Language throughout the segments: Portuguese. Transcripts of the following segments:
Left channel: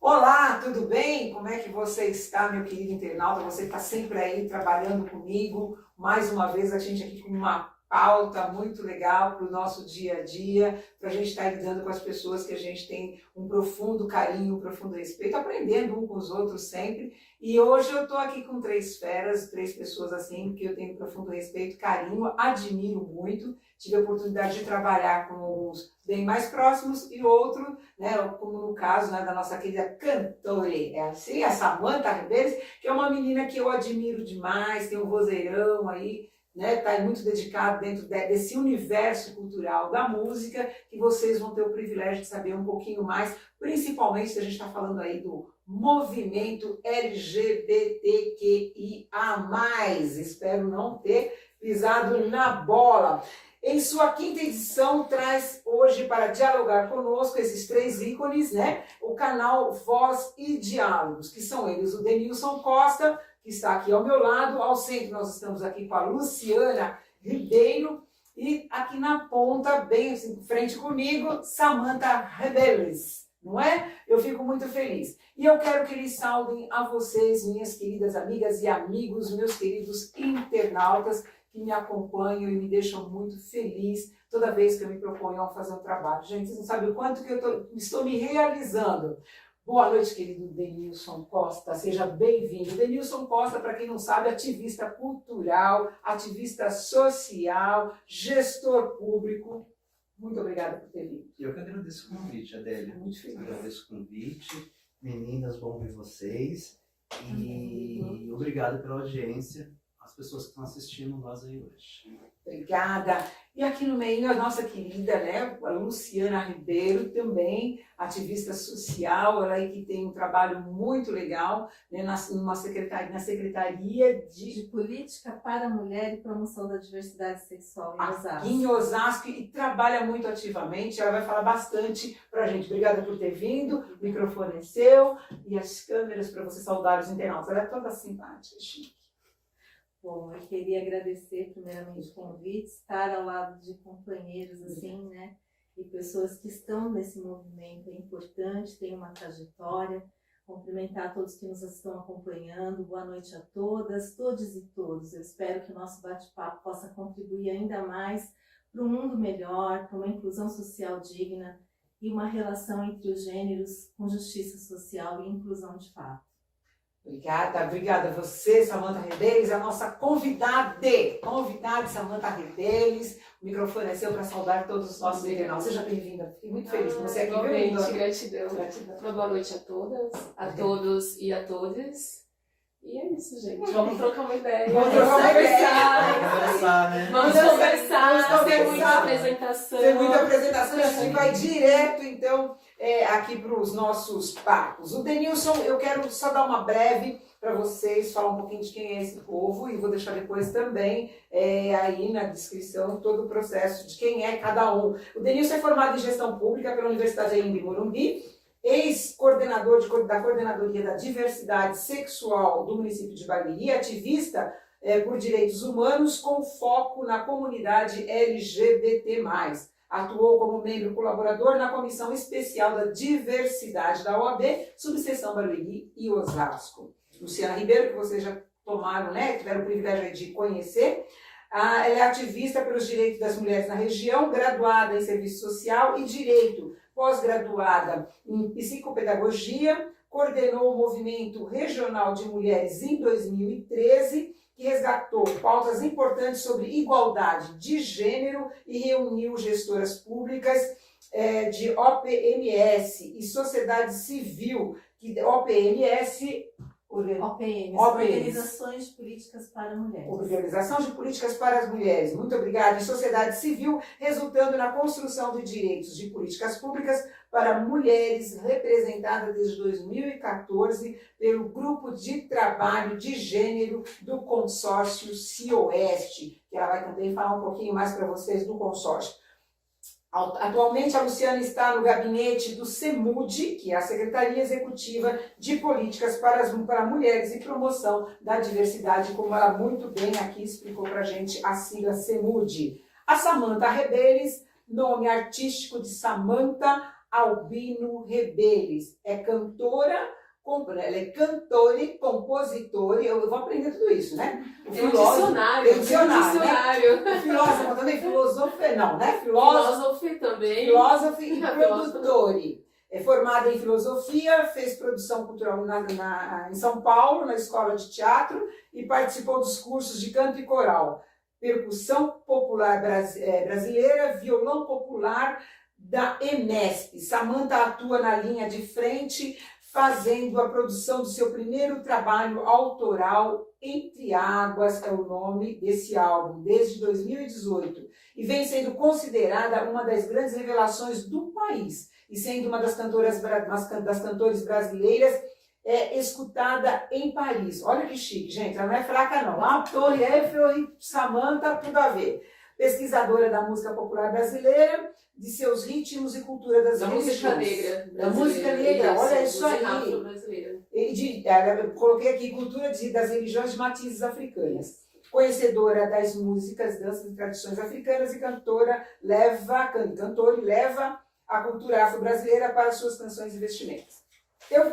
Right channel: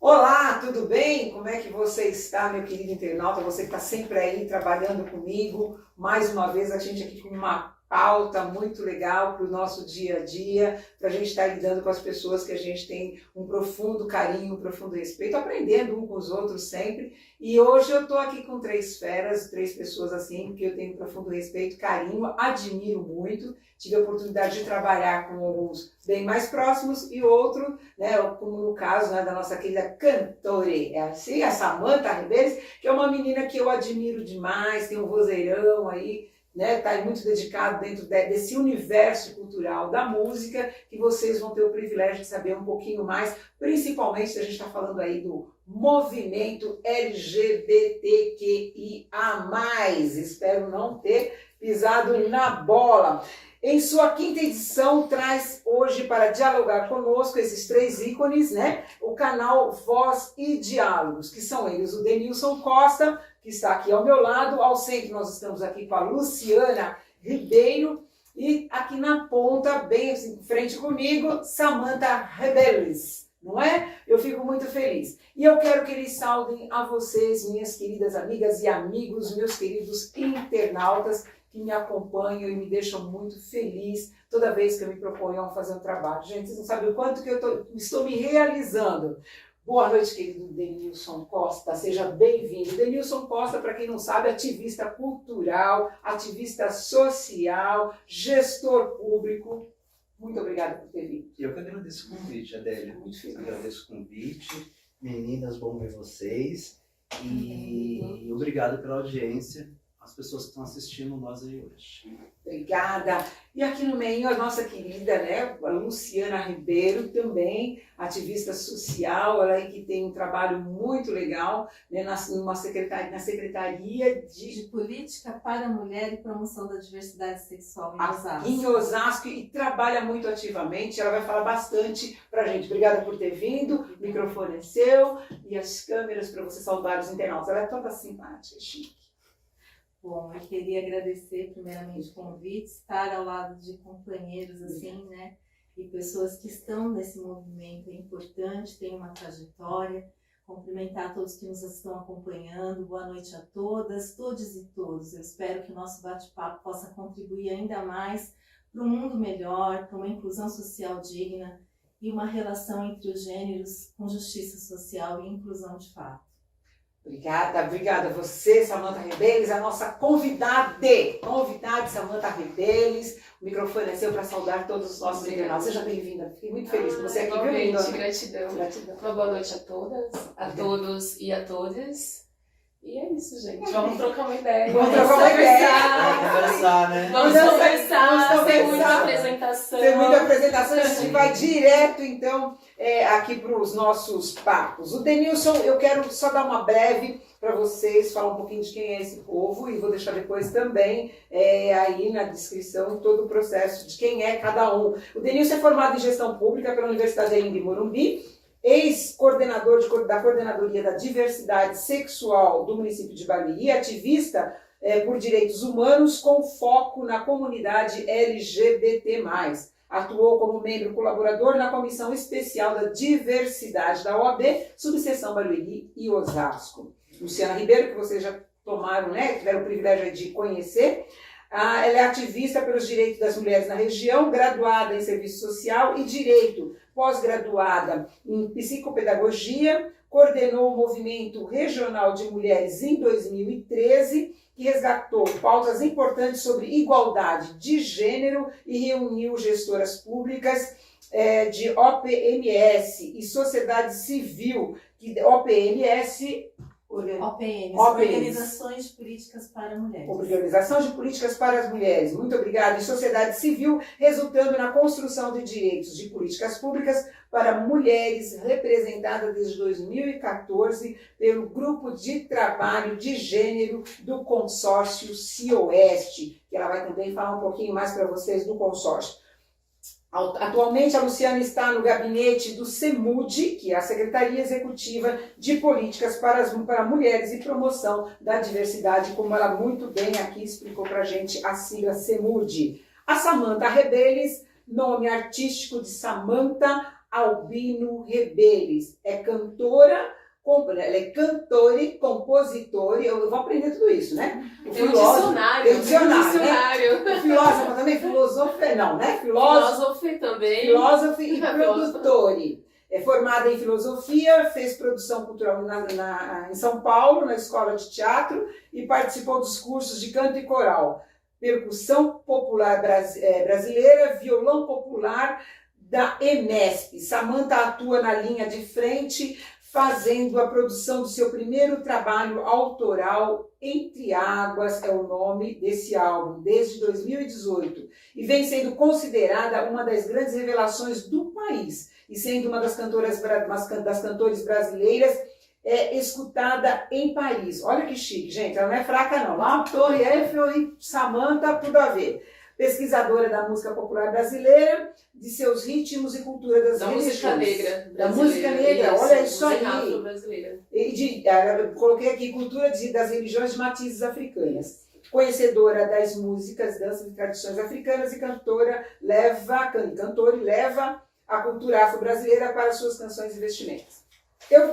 Olá, tudo bem? Como é que você está, meu querido internauta? Você que está sempre aí trabalhando comigo. Mais uma vez, a gente aqui com uma pauta muito legal para o nosso dia a dia, para a gente estar lidando com as pessoas que a gente tem um profundo carinho, um profundo respeito, aprendendo um com os outros sempre. E hoje eu estou aqui com três feras, três pessoas assim, que eu tenho profundo respeito, carinho, admiro muito. Tive a oportunidade de trabalhar com alguns bem mais próximos e outro, né, como no caso, né, da nossa querida cantora, é assim, a Samantha Ribeiro, que é uma menina que eu admiro demais, tem um vozeirão aí, né, tá muito dedicado dentro desse universo cultural da música, que vocês vão ter o privilégio de saber um pouquinho mais, principalmente se a gente está falando aí do movimento LGBTQIA+. Espero não ter pisado na bola. Em sua quinta edição, traz hoje para dialogar conosco esses três ícones, né? O canal Voz e Diálogos, que são eles, o Denilson Costa, que está aqui ao meu lado, ao centro nós estamos aqui com a Luciana Ribeiro, e aqui na ponta, bem assim, frente comigo, Samantha Rebeles, não é? Eu fico muito feliz. E eu quero que eles saudem a vocês, minhas queridas amigas e amigos, meus queridos internautas, que me acompanham e me deixam muito feliz toda vez que eu me proponho a fazer um trabalho. Gente, vocês não sabem o quanto que eu estou me realizando. Boa noite, querido Denilson Costa, seja bem-vindo. Denilson Costa, para quem não sabe, ativista cultural, ativista social, gestor público. Muito obrigada por ter vindo. Eu que agradeço o convite, Adélia. Muito feliz. Agradeço o convite. Meninas, bom ver vocês. E obrigado pela audiência, as pessoas que estão assistindo nós aí hoje. Obrigada. E aqui no meio a nossa querida, né, a Luciana Ribeiro, também ativista social, ela aí que tem um trabalho muito legal, né, na Secretaria de Política para a Mulher e Promoção da Diversidade Sexual em Osasco. Em Osasco, e trabalha muito ativamente, ela vai falar bastante pra gente. Obrigada por ter vindo, o microfone é seu e as câmeras para você saudar os internautas. Ela é toda simpática, chique. Bom, eu queria agradecer primeiramente o convite, estar ao lado de companheiros assim, né, e pessoas que estão nesse movimento é importante, tem uma trajetória. Cumprimentar todos que nos estão acompanhando, boa noite a todas, todos e todos. Eu espero que o nosso bate-papo possa contribuir ainda mais para um mundo melhor, para uma inclusão social digna e uma relação entre os gêneros com justiça social e inclusão de fato. Obrigada a você, Samantha Rebeles, a nossa convidada Samantha Rebeles. O microfone é seu para saudar todos os nossos internautas. Seja bem-vinda, fiquei muito feliz com você aqui. Igualmente, gratidão. Uma boa noite a todas, a todos e a todas. E é isso, gente. Vamos trocar uma ideia. Vamos conversar, né? Vamos conversar. Sem muita apresentação. Sem muita apresentação, a gente vai direto, então, aqui para os nossos papos. O Denilson, eu quero só dar uma breve para vocês, falar um pouquinho de quem é esse povo, e vou deixar depois também aí na descrição todo o processo de quem é cada um. O Denilson é formado em Gestão Pública pela Universidade de Anhembi Morumbi, ex-coordenador da Coordenadoria da Diversidade Sexual do município de Barueri, ativista por direitos humanos com foco na comunidade LGBT+. Atuou como membro colaborador na Comissão Especial da Diversidade da OAB, subseção Barueri e Osasco. Luciana Ribeiro, que vocês já tomaram, né, tiveram o privilégio de conhecer. Ela é ativista pelos direitos das mulheres na região, graduada em Serviço Social e Direito, pós-graduada em Psicopedagogia, coordenou o Movimento Regional de Mulheres em 2013, que resgatou pautas importantes sobre igualdade de gênero e reuniu gestoras públicas de OPMS e sociedade civil, OPMS, Organizações de Políticas para Mulheres. Organização de Políticas para as Mulheres. Muito obrigada. E sociedade civil, resultando na construção de direitos de políticas públicas para mulheres, representada desde 2014 pelo Grupo de Trabalho de Gênero do Consórcio CIOeste, que ela vai também falar um pouquinho mais para vocês do consórcio. Atualmente, a Luciana está no gabinete do CEMUD, que é a Secretaria Executiva de Políticas para Mulheres e Promoção da Diversidade, como ela muito bem aqui explicou para a gente, a sigla CEMUD. A Samantha Rebeles, nome artístico de Samantha Albino Rebeles. É cantora, ela é cantora e compositora, eu vou aprender tudo isso, né? Tem um dicionário. Tem um dicionário, Né? O filósofo também, filosofia, não, né? Filósofo também. Filósofo e produtor. É formada em filosofia, fez produção cultural em São Paulo, na Escola de Teatro, e participou dos cursos de canto e coral, percussão popular brasileira, violão popular da EMESP. Samantha atua na linha de frente, fazendo a produção do seu primeiro trabalho autoral, Entre Águas, é o nome desse álbum, desde 2018, e vem sendo considerada uma das grandes revelações do país, e sendo uma das cantores brasileiras escutada em Paris. Olha que chique, gente, ela não é fraca não. Lá, Torre Eiffel e Samantha, tudo a ver. Pesquisadora da música popular brasileira, de seus ritmos e cultura das religiões. Música negra. Da música negra, olha isso aí. Brasileira. Eu coloquei aqui cultura das religiões de matizes africanas. Conhecedora das músicas, danças e tradições africanas e cantora e leva a cultura afro-brasileira para suas canções e vestimentas.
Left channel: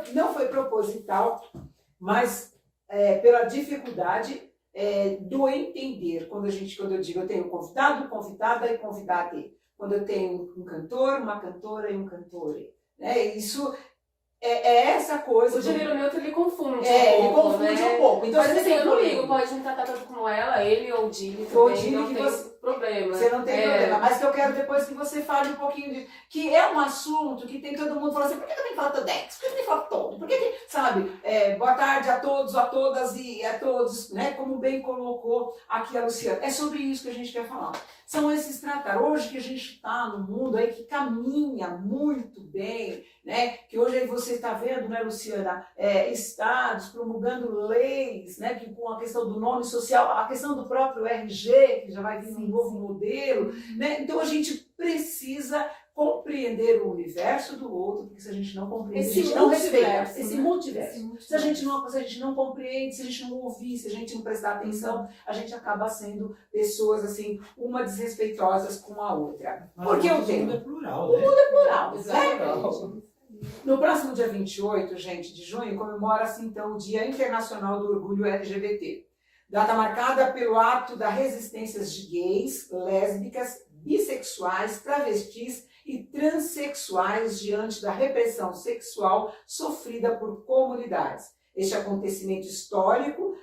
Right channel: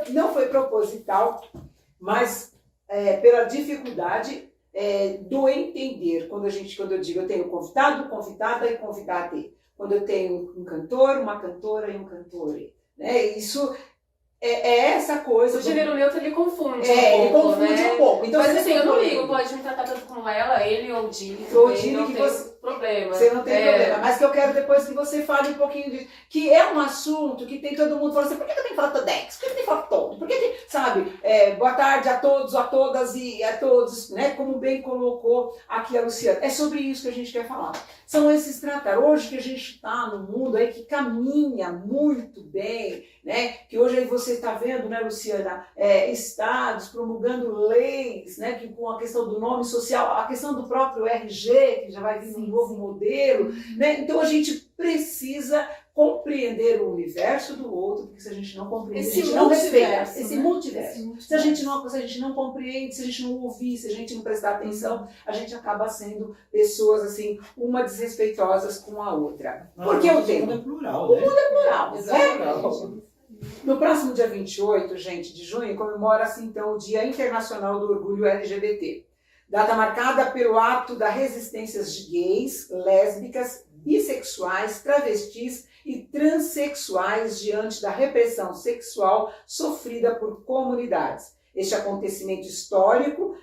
Não foi proposital, mas pela dificuldade do entender. Quando eu digo eu tenho convidado, convidada e convidade. Quando eu tenho um cantor, uma cantora e um cantore. Né? Isso essa coisa. O gênero neutro ele confunde um pouco. Ele confunde um pouco. Então, mas assim, eu não ligo, pode me tratar tanto como ela, ele ou o Dini. Não tem problema. Você não tem problema. Mas que eu quero depois que você fale um pouquinho disso. Que é um assunto que tem todo mundo falando assim, por que eu tenho que falar Todex? Por que eu tenho que falar todo? Por que, sabe, boa tarde a todos, a todas e a todos, né? Como bem colocou aqui a Luciana. É sobre isso que a gente quer falar. São esses tratar. Hoje que a gente está num mundo aí que caminha muito bem, né? Que hoje aí você está vendo, né, Luciana, estados promulgando leis, né? Que com a questão do nome social, a questão do próprio RG, que já vai vir um novo modelo, né? Então a gente precisa compreender o universo do outro, porque se a gente não compreende, a gente não respeita esse multiverso. Se a gente não compreende, se a gente não ouvir, se a gente não prestar atenção, a gente acaba sendo pessoas assim, uma desrespeitosas com a outra. Porque o mundo é plural, o né? mundo é plural, Exatamente. No próximo dia 28, gente, de junho, comemora-se então o Dia Internacional do Orgulho LGBT. Data marcada pelo ato da resistência de gays, lésbicas, bissexuais, travestis e transexuais diante da repressão sexual sofrida por comunidades. Este acontecimento histórico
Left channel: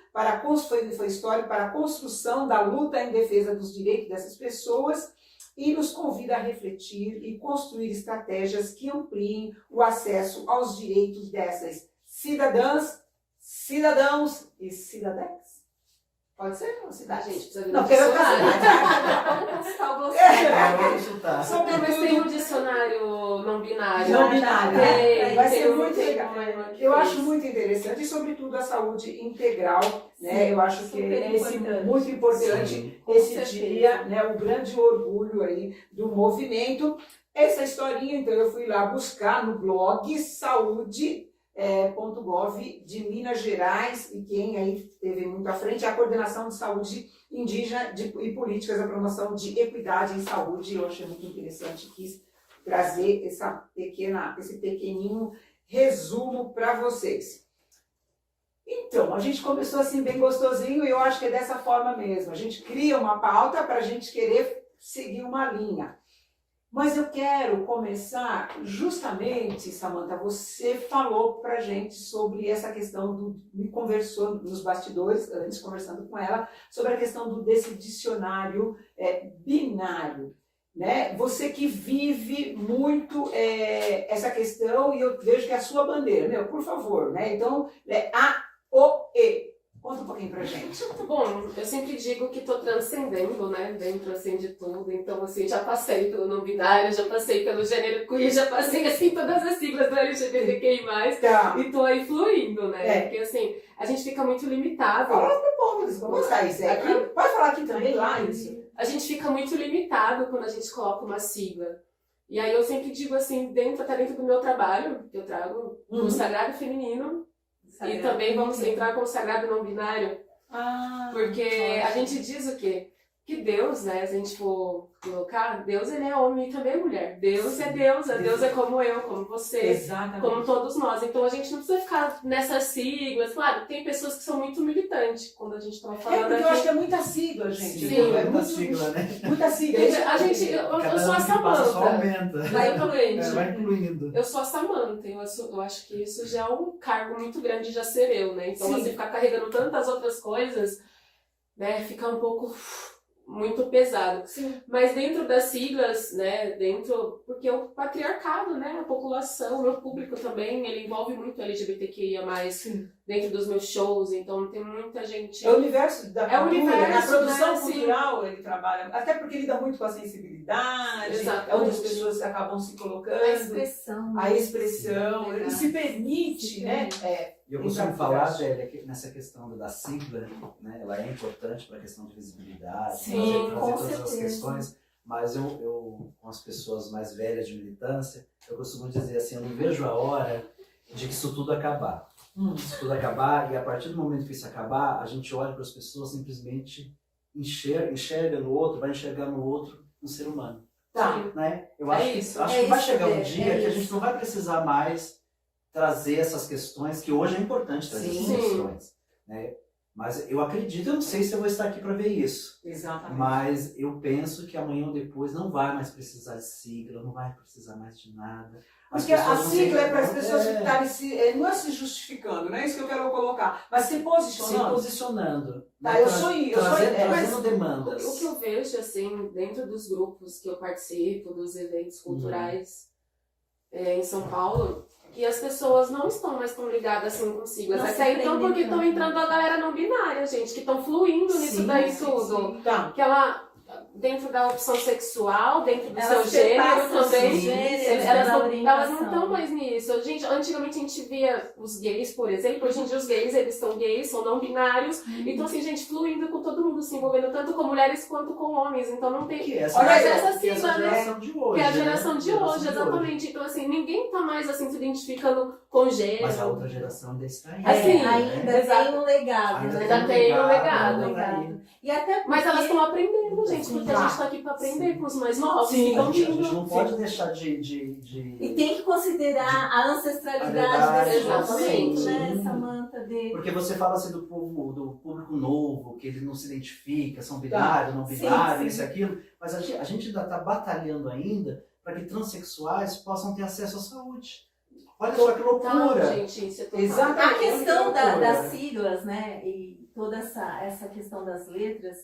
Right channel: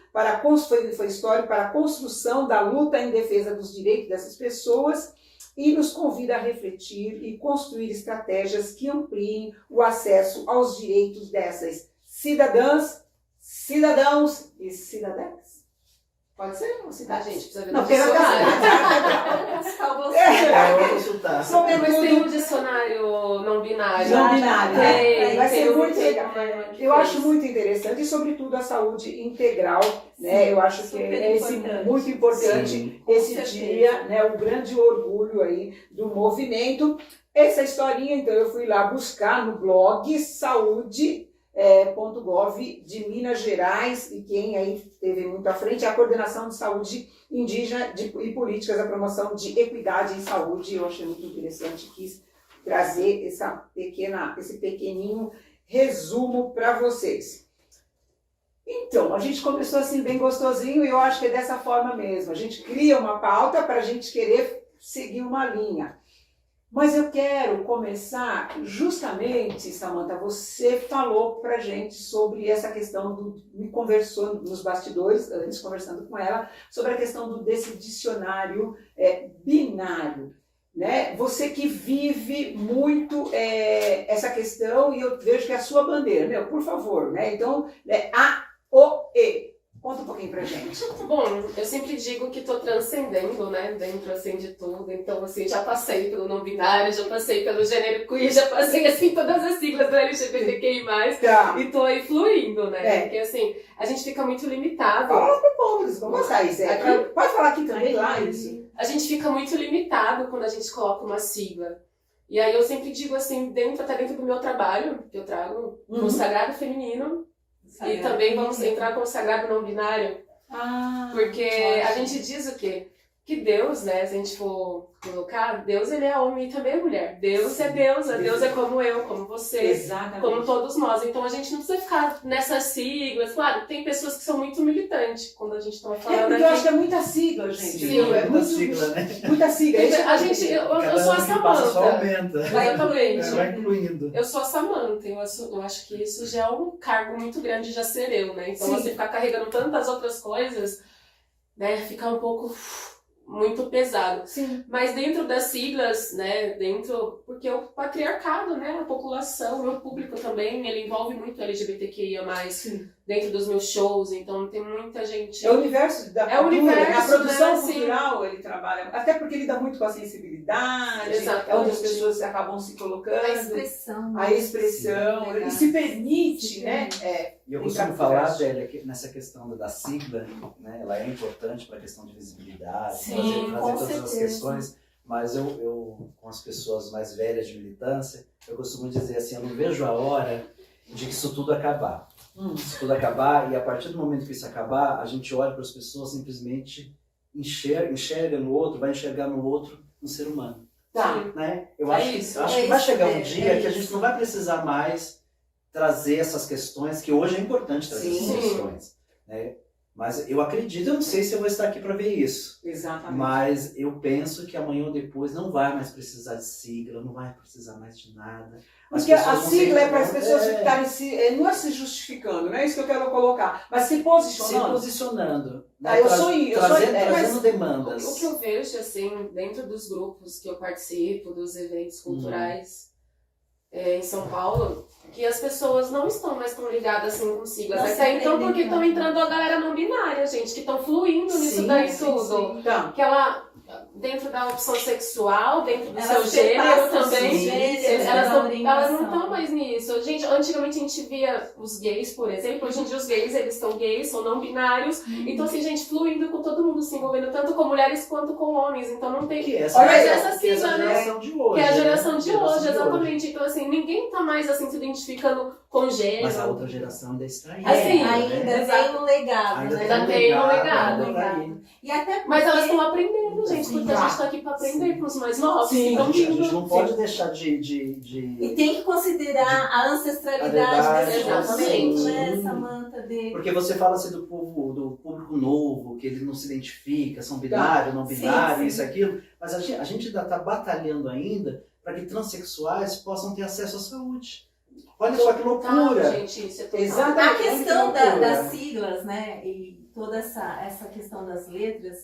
foi histórico para a construção da luta em defesa dos direitos dessas pessoas e nos convida a refletir e construir estratégias que ampliem o acesso aos direitos dessas cidadãs, cidadãos e cidadãs. Pode ser? Não, cidade, gente, precisa ver no dicionário. Vou consultar. Mas tem um dicionário não binário. Não binário. Vai ser muito legal. Eu acho muito interessante e, sobretudo, a saúde integral. Né? Eu acho que é muito importante esse dia, né? O grande orgulho aí do movimento. Essa historinha, então, eu fui lá buscar no blog saúde.gov de Minas Gerais, e quem aí esteve muito à frente é a Coordenação de Saúde Indígena e Políticas da Promoção de Equidade em Saúde. Eu achei muito interessante, quis trazer esse pequeninho resumo para vocês. Então, a gente começou assim bem gostosinho e eu acho que é dessa forma mesmo. A gente cria uma pauta para a gente querer seguir uma linha. Mas eu quero começar justamente, Samantha, você falou pra gente sobre essa questão me conversou nos bastidores, antes conversando com ela, sobre a questão desse dicionário binário. Né? Você que vive muito essa questão e eu vejo que é a sua bandeira, por favor, né? Então, A, O, E. Conta um pouquinho pra gente. Bom, eu sempre digo que estou transcendendo, né, dentro assim de tudo. Então, assim, já passei pelo não binário, já passei pelo gênero queer, já passei assim todas as siglas do LGBTQI+, Tá. e tô aí fluindo, né? É. Porque assim, a gente fica muito limitado. Fala pro povo, eles vão gostar isso. Pode falar aqui também, lá isso. A gente fica muito limitado quando a gente coloca uma sigla. E aí eu sempre digo assim, até dentro do meu trabalho, que eu trago, no Sagrado Feminino, e também vamos entrar com o Sagrado Não Binário, porque a gente diz o quê? que Deus, né, se a gente for colocar, Deus ele é homem e também é mulher. Deus é deusa, Deus é como eu, como você, Exatamente. como todos nós. Então a gente não precisa ficar nessas siglas. Claro, tem pessoas que são muito militantes quando a gente está falando Porque aqui. eu acho que é muita sigla, gente. Sim, É muita sigla, né? Muita sigla. Eu sou a ano que passa só Samanta. aumenta. Exatamente. Vai incluindo. Eu sou a Samanta, eu acho que isso já é um cargo muito grande já ser eu, né? Então, Sim. assim, ficar carregando tantas outras coisas, né, fica um pouco muito pesado. Sim. Mas dentro das siglas, né, porque o patriarcado, né, a população, o meu público também, ele envolve muito LGBTQIA+, Sim. dentro dos meus shows, então tem muita gente... É o universo da É o cultura, universo, na produção né, sim. cultural ele trabalha, até porque lida muito com a sensibilidade, Exatamente. é onde as pessoas acabam se A colocando, expressão. a expressão, Sim, ele se permite, se né? permite. E eu Entrar costumo no falar, universo. Adélia, que nessa questão da sigla, né, ela é importante para a questão de visibilidade, Sim, trazer com todas as certeza. questões, mas eu, com as pessoas mais velhas de militância, eu costumo dizer assim, eu não vejo a hora de que isso tudo acabar. Isso tudo acabar, e a partir do momento que isso acabar, a gente olha para as pessoas, simplesmente enxerga no outro, vai enxergar no outro um ser humano. Tá. Né? Eu É acho isso. que vai chegar um é dia que a gente isso. não vai precisar mais trazer essas questões, que hoje é importante trazer Sim. essas questões. Né? Mas eu acredito, eu não sei se eu vou estar aqui para ver isso, Exatamente. mas eu penso que amanhã ou depois não vai mais precisar de sigla, não vai precisar mais de nada. As Porque a pessoas vão sigla ter- é para as pessoas é, ficarem não é se justificando, não é isso que eu quero colocar, mas se se posicionando. posicionando, né? Ah, eu sou trazendo mas demandas. O que eu vejo, assim, dentro dos grupos que eu participo, dos eventos culturais em São Paulo, que as pessoas não estão mais tão ligadas assim com siglas. Não Até se então, prendem porque estão tanto. entrando a galera não binária, gente, que estão fluindo nisso daí tudo. Então, Que ela, dentro da opção sexual, dentro do Elas seu gênero perpassam também, os gêneros, elas da não orientação. estão mais nisso. Gente, antigamente a gente via os gays, por exemplo, hoje em dia os gays, eles estão gays, são não binários, então assim, gente, fluindo com todo mundo, se envolvendo tanto com mulheres quanto com homens, então não tem... Que é Olha aí, essa que é sigla, essa né? geração de hoje. Que é a né? geração de Geração hoje, exatamente. Então, assim, ninguém tá mais, assim, se identificando com gênero. Mas a outra geração ainda está aí. Assim, ainda exato. tem um legado, Ainda né? Ainda tem um legado. ainda tá aí. E até porque... Mas elas estão aprendendo, gente, Sim. porque a gente tá aqui pra aprender com os mais novos. Sim, Então, A gente vindo. não pode deixar de E tem que considerar a ancestralidade verdade, desse movimento, né, sim. Samanta? Porque você fala assim do público novo, que ele não se identifica, são binário, não binário, sim. isso e aquilo, mas a gente ainda está batalhando ainda para que transexuais possam ter acesso à saúde. Olha só que loucura! Tá, gente, isso é total. Exato. A questão Olha que loucura. das siglas, né, e toda essa questão das letras,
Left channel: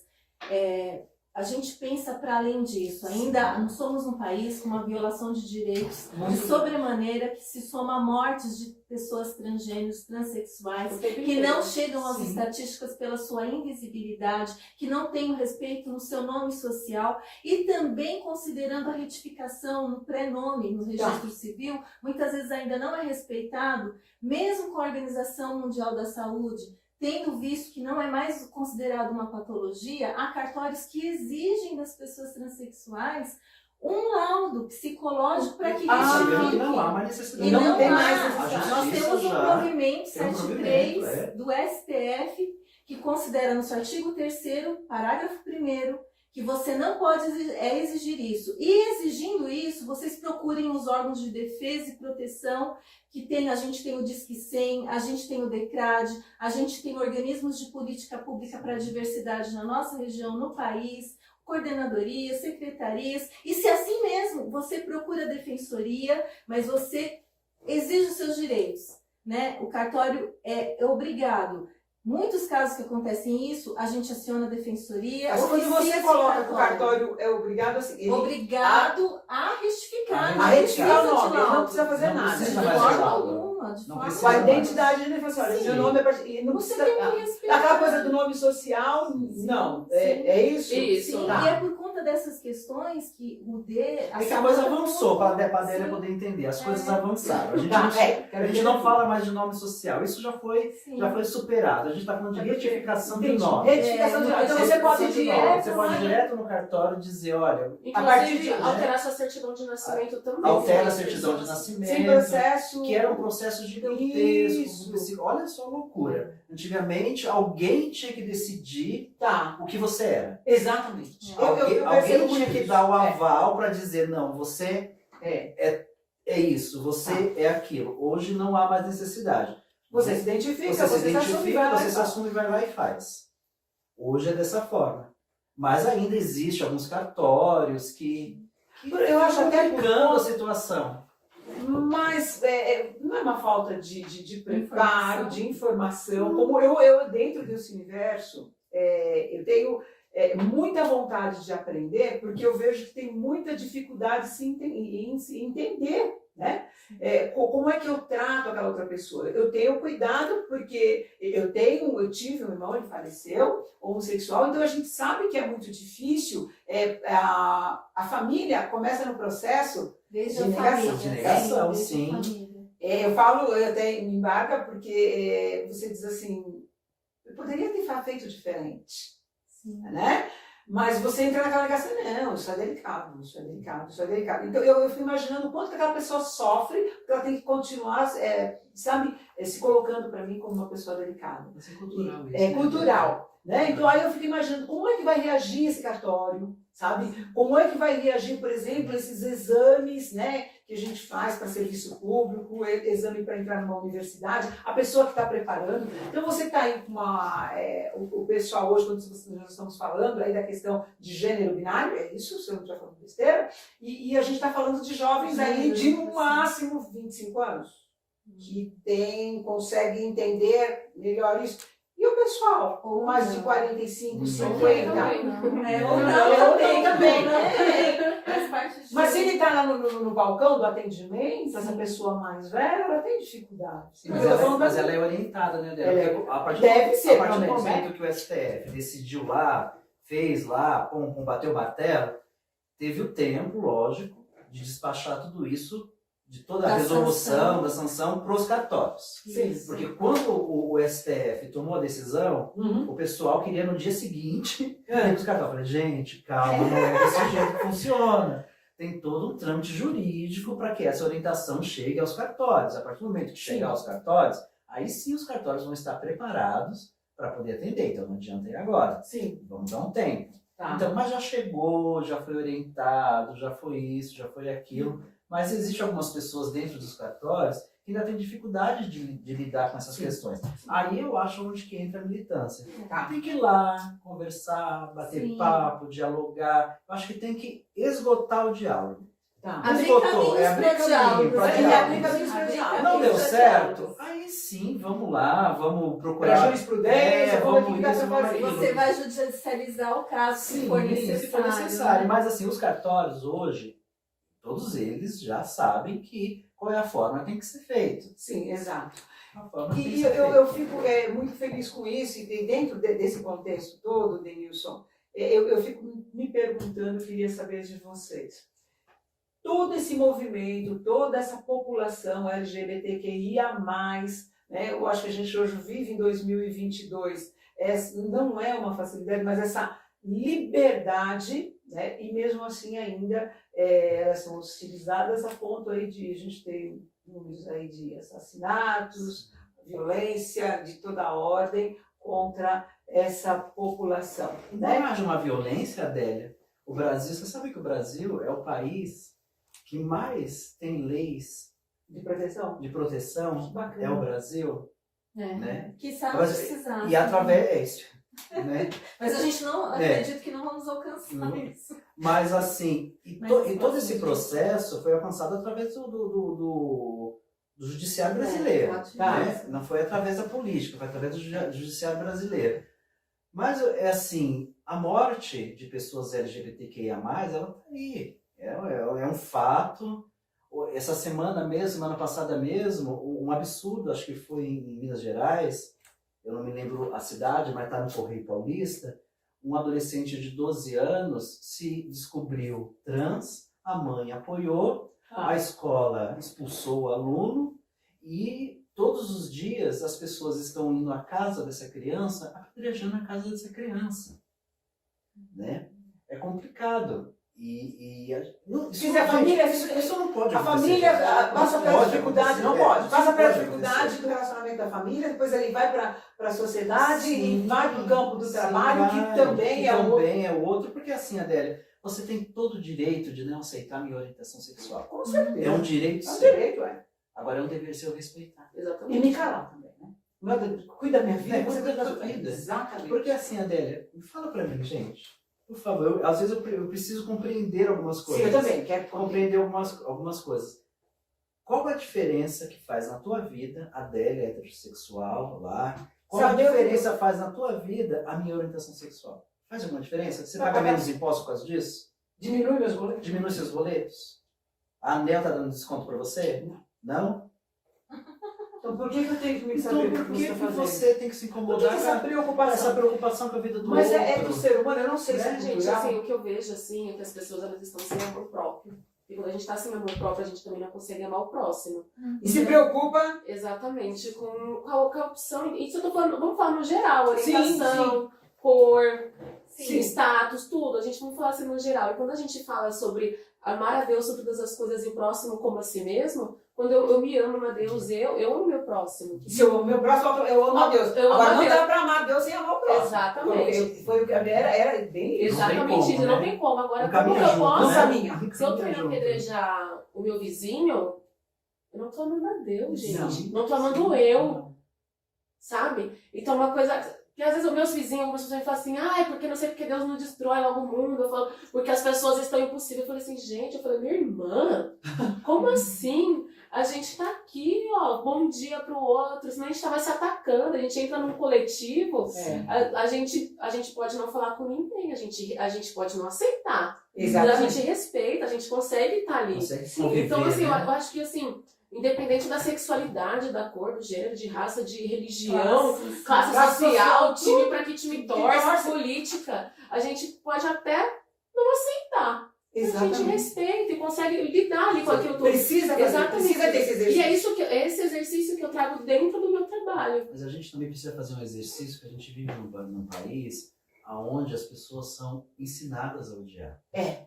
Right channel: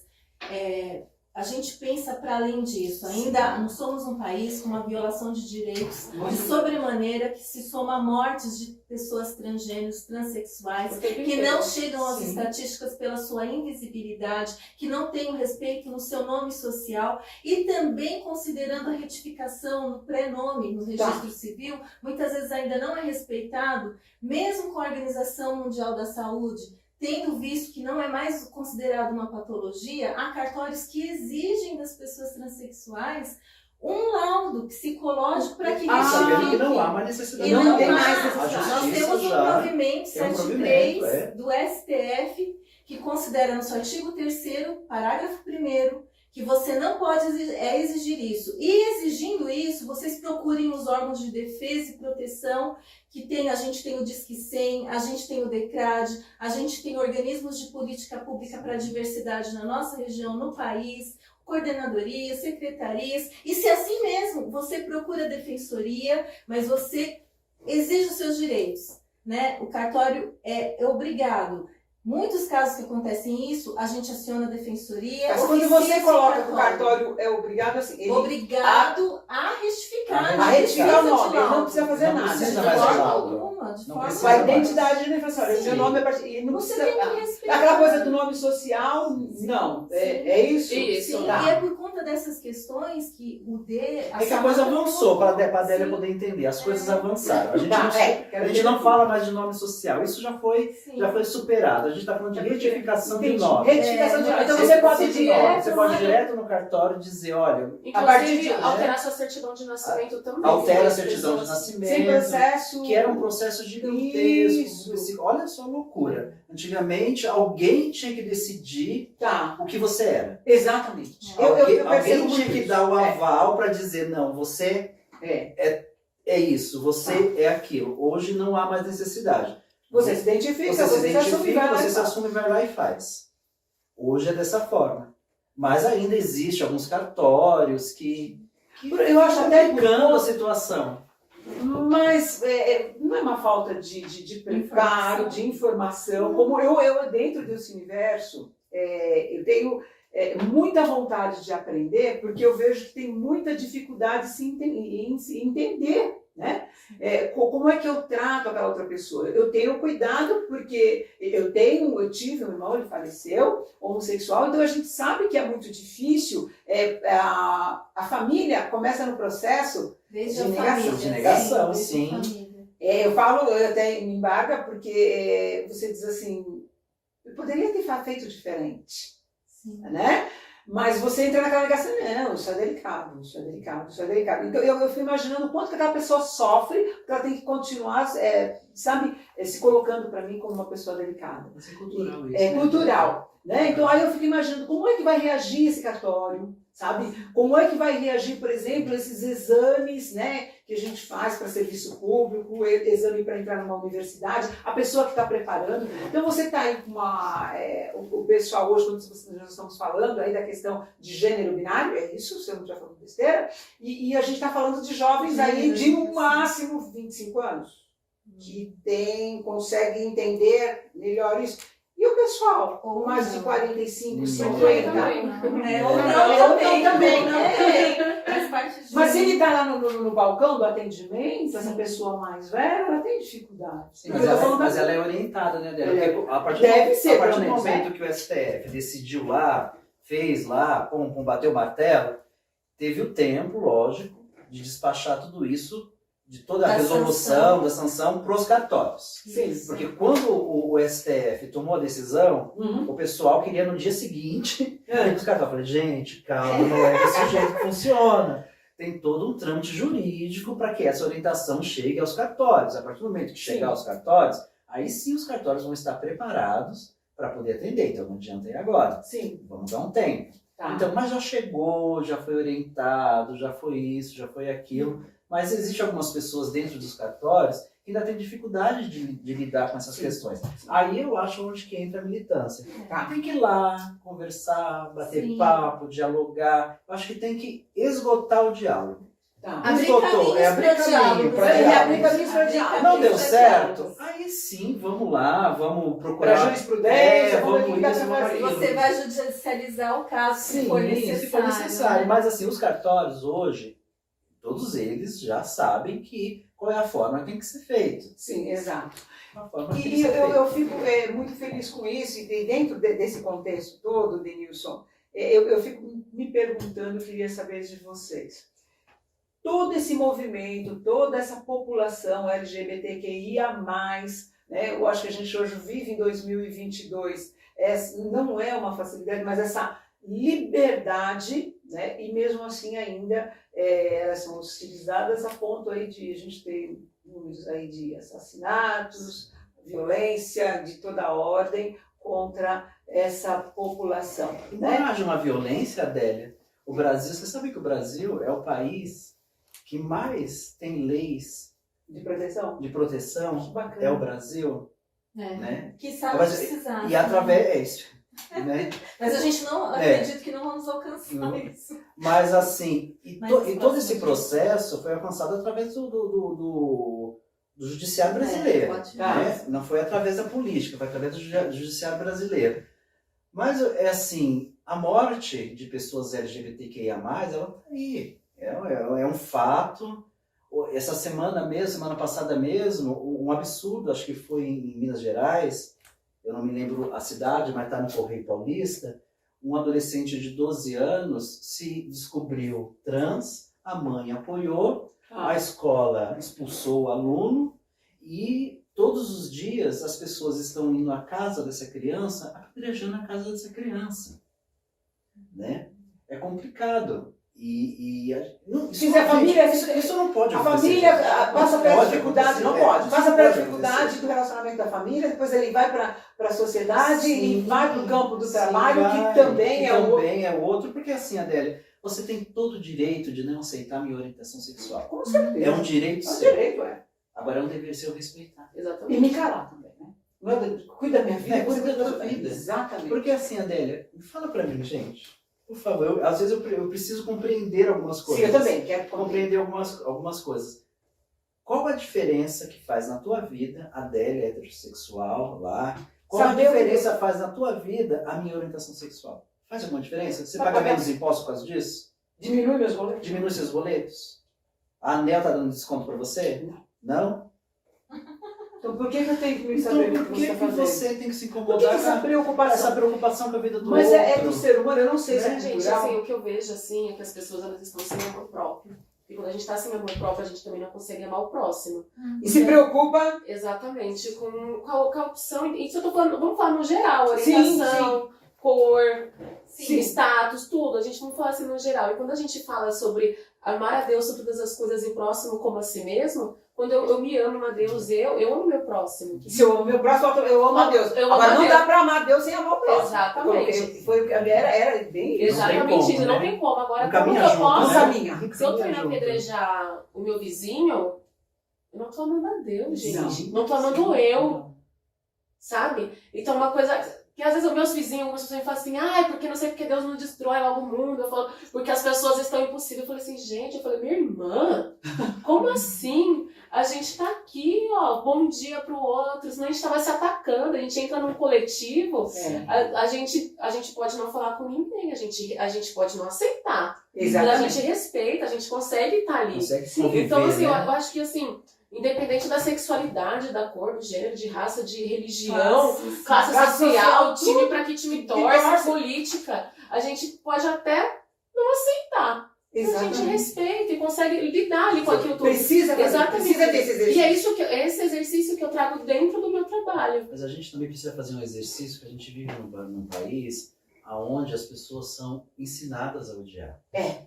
a gente pensa para além disso. Ainda não somos um país com uma violação de direitos de sobremaneira que se soma a mortes de pessoas transgêneros, transexuais, que não chegam às Sim. estatísticas pela sua invisibilidade, que não têm o respeito no seu nome social e também considerando a retificação no prenome, no registro civil, muitas vezes ainda não é respeitado, mesmo com a Organização Mundial da Saúde, tendo visto que não é mais considerado uma patologia, há cartórios que exigem das pessoas transexuais um laudo psicológico para que Sabendo que não verifique. há mais necessidade. E não tem há. mais A Nós justiça temos um já provimento tem um 73 provimento, do STF que considera no seu artigo 3º, parágrafo 1º, que você não pode exigir isso. E exigindo isso, vocês procurem os órgãos de defesa e proteção, que a gente tem o Disque 100, a gente tem o DECRAD, a gente tem organismos de política pública para a diversidade na nossa região, no país, coordenadorias, secretarias, e se assim mesmo você procura a defensoria, mas você exige os seus direitos, né? O cartório é obrigado. Muitos casos que acontecem isso, a gente aciona a defensoria. Mas quando oficia você esse coloca que o cartório é obrigado, assim, ele obrigado a retificar. A retificar o não nome, ele não precisa fazer Não nada. precisa de mais de forma laudo. alguma, de Não forma precisa com a mais. identidade do defensor. Sim. Seu nome e não Você precisa. tem que respeitar. Aquela coisa do nome social, não. É isso? Isso. Sim, Tá. e é por conta dessas questões que o D... É que a coisa avançou, para a Adélia poder entender. As coisas avançaram. A gente, Tá, não, quero a gente ver não aqui. fala mais de nome social. Isso já foi Sim. superado. A gente está falando de retificação de Entendi. nome. Retificação de nome. Então É, você pode ir Retificação de nome. direto. Você pode ir direto no cartório e dizer, olha, A partir Inclusive, de hoje, alterar sua certidão de nascimento também. altera a As certidão de pessoas- nascimento. sem processo. Que era um processo gigantesco. Isso. Olha só a loucura. Antigamente, alguém tinha que decidir Tá, o que você era. exatamente. Alguém percebo tinha muito que isso. dar o aval para dizer, não, você é isso, você é aquilo. Hoje não há mais necessidade. Você se identifica, Você se se assume, vai identifica, lá você e se faz. assume, vai lá e faz. Hoje é dessa forma. Mas ainda existe alguns cartórios que Eu acho até complicando a situação. Mas não é uma falta de preparo, Informação. de informação. Como eu dentro desse universo, eu tenho muita vontade de aprender, porque eu vejo que tem muita dificuldade em se entender, né? Como é que eu trato aquela outra pessoa? Eu tenho cuidado, porque eu tive um irmão, ele faleceu, homossexual, então a gente sabe que é muito difícil. A família começa no processo Desde de a negação, família. de negação, desde a sim. família. eu falo, eu até me embarga, porque você diz assim, eu poderia ter feito diferente, Sim. né? Mas você entra naquela negação, não, isso é delicado, isso é delicado, isso é delicado. Então eu fico imaginando o quanto que aquela pessoa sofre, porque ela tem que continuar, sabe, se colocando para mim como uma pessoa delicada. Mas é cultural isso. É né? cultural, né? Então aí eu fico imaginando como é que vai reagir esse cartório, sabe? Como é que vai reagir, por exemplo, esses exames, né, que a gente faz para serviço público, exame para entrar numa universidade, a pessoa que está preparando. Então você está aí com o pessoal hoje, quando nós estamos falando aí da questão de gênero binário, é isso, se eu não estiver falando besteira, e a gente está falando de jovens aí de no máximo 25 anos, que conseguem entender melhor isso. E o pessoal, com mais de 45, 50. Ou também. Faz parte de... Mas se ele está lá no balcão do atendimento, essa pessoa mais velha, ela tem dificuldade. Sim, mas ela é orientada, né, Débora? Ela Porque a partir deve ser, a partir pelo do menos, momento que o STF decidiu lá, fez lá, bateu o martelo, teve o tempo, lógico, de despachar tudo isso, de toda a Da resolução, da sanção, para os cartórios. Sim. Porque quando o STF tomou a decisão, Uhum. o pessoal queria no dia seguinte ir os cartórios. Eu falei, gente, calma, não é desse jeito que funciona. Tem todo um trâmite jurídico para que essa orientação chegue aos cartórios. A partir do momento que chegar aos cartórios, aí sim os cartórios vão estar preparados para poder atender. Então não adianta ir agora. Sim. Vamos dar um tempo. Tá. Então, mas já chegou, já foi orientado, já foi isso, já foi aquilo. Mas existem algumas pessoas dentro dos cartórios que ainda têm dificuldade de lidar com essas questões. Aí eu acho onde que entra a militância. Tá. Tem que ir lá, conversar, bater Sim. papo, dialogar. Eu acho que tem que esgotar o diálogo. Tá. Abrir Esgotou, caminhos abrir pra caminho diálogo, pra né? diálogo. Abrir caminhos pra diálogo. Não deu pra certo? diálogo. Aí sim, vamos lá, vamos Para procurar. jurisprudência, vamos ver o que dá isso, para vamos fazer. aquilo. Você vai judicializar o caso se for necessário. se for necessário. Né? Mas assim, os cartórios hoje, todos eles já sabem qual é a forma que tem que ser feito. Sim, exato. A forma que tem que E ser feito. eu fico muito feliz com isso, e dentro desse contexto todo, Denilson, eu fico me perguntando, eu queria saber de vocês. Todo esse movimento, toda essa população LGBTQIA+, né, eu acho que a gente hoje vive em 2022, não é uma facilidade, mas essa liberdade, né, e mesmo assim ainda elas são hostilizadas a ponto aí de a gente ter números aí de assassinatos, violência de toda ordem contra essa população. Embora Né? haja uma violência, Adélia, o Brasil, você sabe que o Brasil é o país que mais tem leis De proteção. de proteção, Que bacana. é o Brasil, É. né? Que sabe Mas- precisar. E através, né? Mas a gente não acredita que não vamos alcançar Não. isso. Mas assim, Mas e todo esse bastante. processo foi alcançado através do judiciário brasileiro, pode né? Não foi através da política, foi através do judiciário brasileiro. Mas é assim, a morte de pessoas LGBTQIA+, ela tá aí, é um fato. Essa semana passada mesmo, um absurdo, acho que foi em Minas Gerais, eu não me lembro a cidade, mas está no Correio Paulista, um adolescente de 12 anos se descobriu trans, a mãe apoiou, a escola expulsou o aluno e todos os dias as pessoas estão indo à casa dessa criança, apedrejando a casa dessa criança. Né? É complicado. Não, Se quiser família, isso não pode A acontecer. família gente. passa Não pela pode dificuldade, acontecer, não é, pode. isso Passa não pela pode dificuldade acontecer. do relacionamento da família, depois ele vai para a sociedade Sim, e vai para o campo do sim, trabalho, vai, que também é outro. também é outro, porque assim, Adélia, você tem todo o direito de não aceitar minha orientação sexual. Com certeza. É um direito É um seu. direito, é. Agora é um dever seu respeitar. E Exatamente. me calar também, né? Meu Deus, cuida da minha vida, É, você cuida da da sua vida. Exatamente. Porque assim, Adélia, fala pra mim, gente. Por favor, às vezes eu preciso compreender algumas Sim, coisas. eu também quero Compreender algumas coisas. Qual a diferença que faz na tua vida, Adélia heterossexual lá? Qual Saber a o que diferença faz na tua vida a minha orientação sexual? Faz alguma diferença? Você paga menos impostos por causa disso? Diminui meus boletos. Diminui seus boletos? A Anel tá dando desconto pra você? Não? Então por que eu tenho que me Então saber o por que que você está fazendo? você tem que se Por que incomodar essa com preocupação? essa preocupação com a vida do Mas outro? é do ser humano, eu não sei se é Né, Gente, cultural. assim, o que eu vejo, assim, é que as pessoas, elas estão sem amor próprio. E quando a gente está sem amor próprio, a gente também não consegue amar o próximo. E se preocupa. Exatamente, com a opção. Isso eu tô falando, vamos falar no geral, Sim, orientação, cor, Sim. status, tudo. A gente não fala assim no geral. E quando a gente fala sobre amar a Deus sobre todas as coisas e o próximo como a si mesmo, quando eu me amo a Deus, eu amo meu próximo. Se eu amo meu próximo, eu amo a Deus. Eu amo Agora a não Deus. dá pra amar Deus sem amar o próximo. Exatamente. Porque foi o que era bem isso. Exatamente como, isso, né? não tem como. Agora, Não como que caminha eu junto, posso... Não né? caminha. Se eu tô Caminha indo junto. apedrejar o meu vizinho, eu não tô amando a Deus, gente. Não. Não tô amando eu, sabe? Então, uma coisa... Que às vezes os meus vizinhos, algumas pessoas me falam assim, ai, porque não sei porque Deus não destrói logo o mundo. Eu falo, porque as pessoas estão impossíveis. Eu falei assim, gente, minha irmã, como assim? A gente tá aqui, ó, bom dia pro outro, senão a gente tava se atacando, a gente entra num coletivo, É. a gente pode não falar com ninguém, a gente pode não aceitar. Mas a Exatamente. gente respeita, a gente consegue estar ali. Consegue Sim, conviver, Então, assim, né? eu acho que, assim, independente da sexualidade, da cor, do gênero, de raça, de religião, classe Classe social, social, time pra que time que torce, torce. política, a gente pode até não aceitar. Mas a gente Exatamente. respeita e consegue lidar ali com aquilo tudo. Precisa fazer, Exatamente. precisa ter esse E exercício. é isso esse exercício que eu trago dentro do meu trabalho. Mas a gente também precisa fazer um exercício, que a gente vive num país onde as pessoas são ensinadas a odiar. É.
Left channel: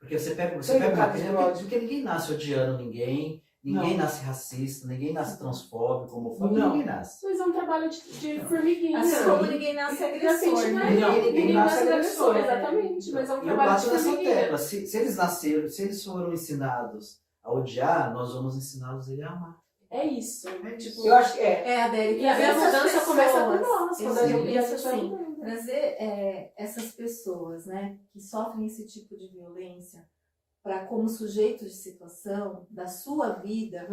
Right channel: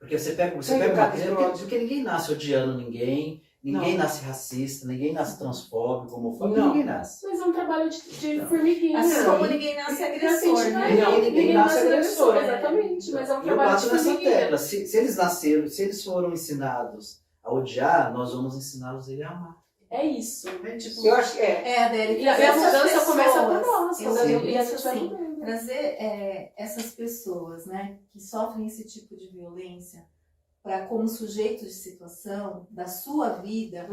Porque você pega uma educado criança, pelo ódio. porque ninguém nasce odiando ninguém Não. nasce racista, ninguém nasce transfóbico, homofóbico, Não. ninguém nasce. Mas é um trabalho de formiguinha. Assim Não. como ninguém nasce agressor, né? Não, ninguém nasce agressor. Exatamente, mas é um Eu trabalho de bato nessa formiguinha. tecla. Se eles nasceram, se eles foram ensinados a odiar, nós vamos ensiná-los a amar. É isso. É tipo, Eu acho que é. É, Adélia, E a trazer essas mudança começa por pessoas. nós. Eu Quando a gente penso pensa assim, assim. trazer essas pessoas, né, que sofrem esse tipo de violência para como sujeito de situação da sua vida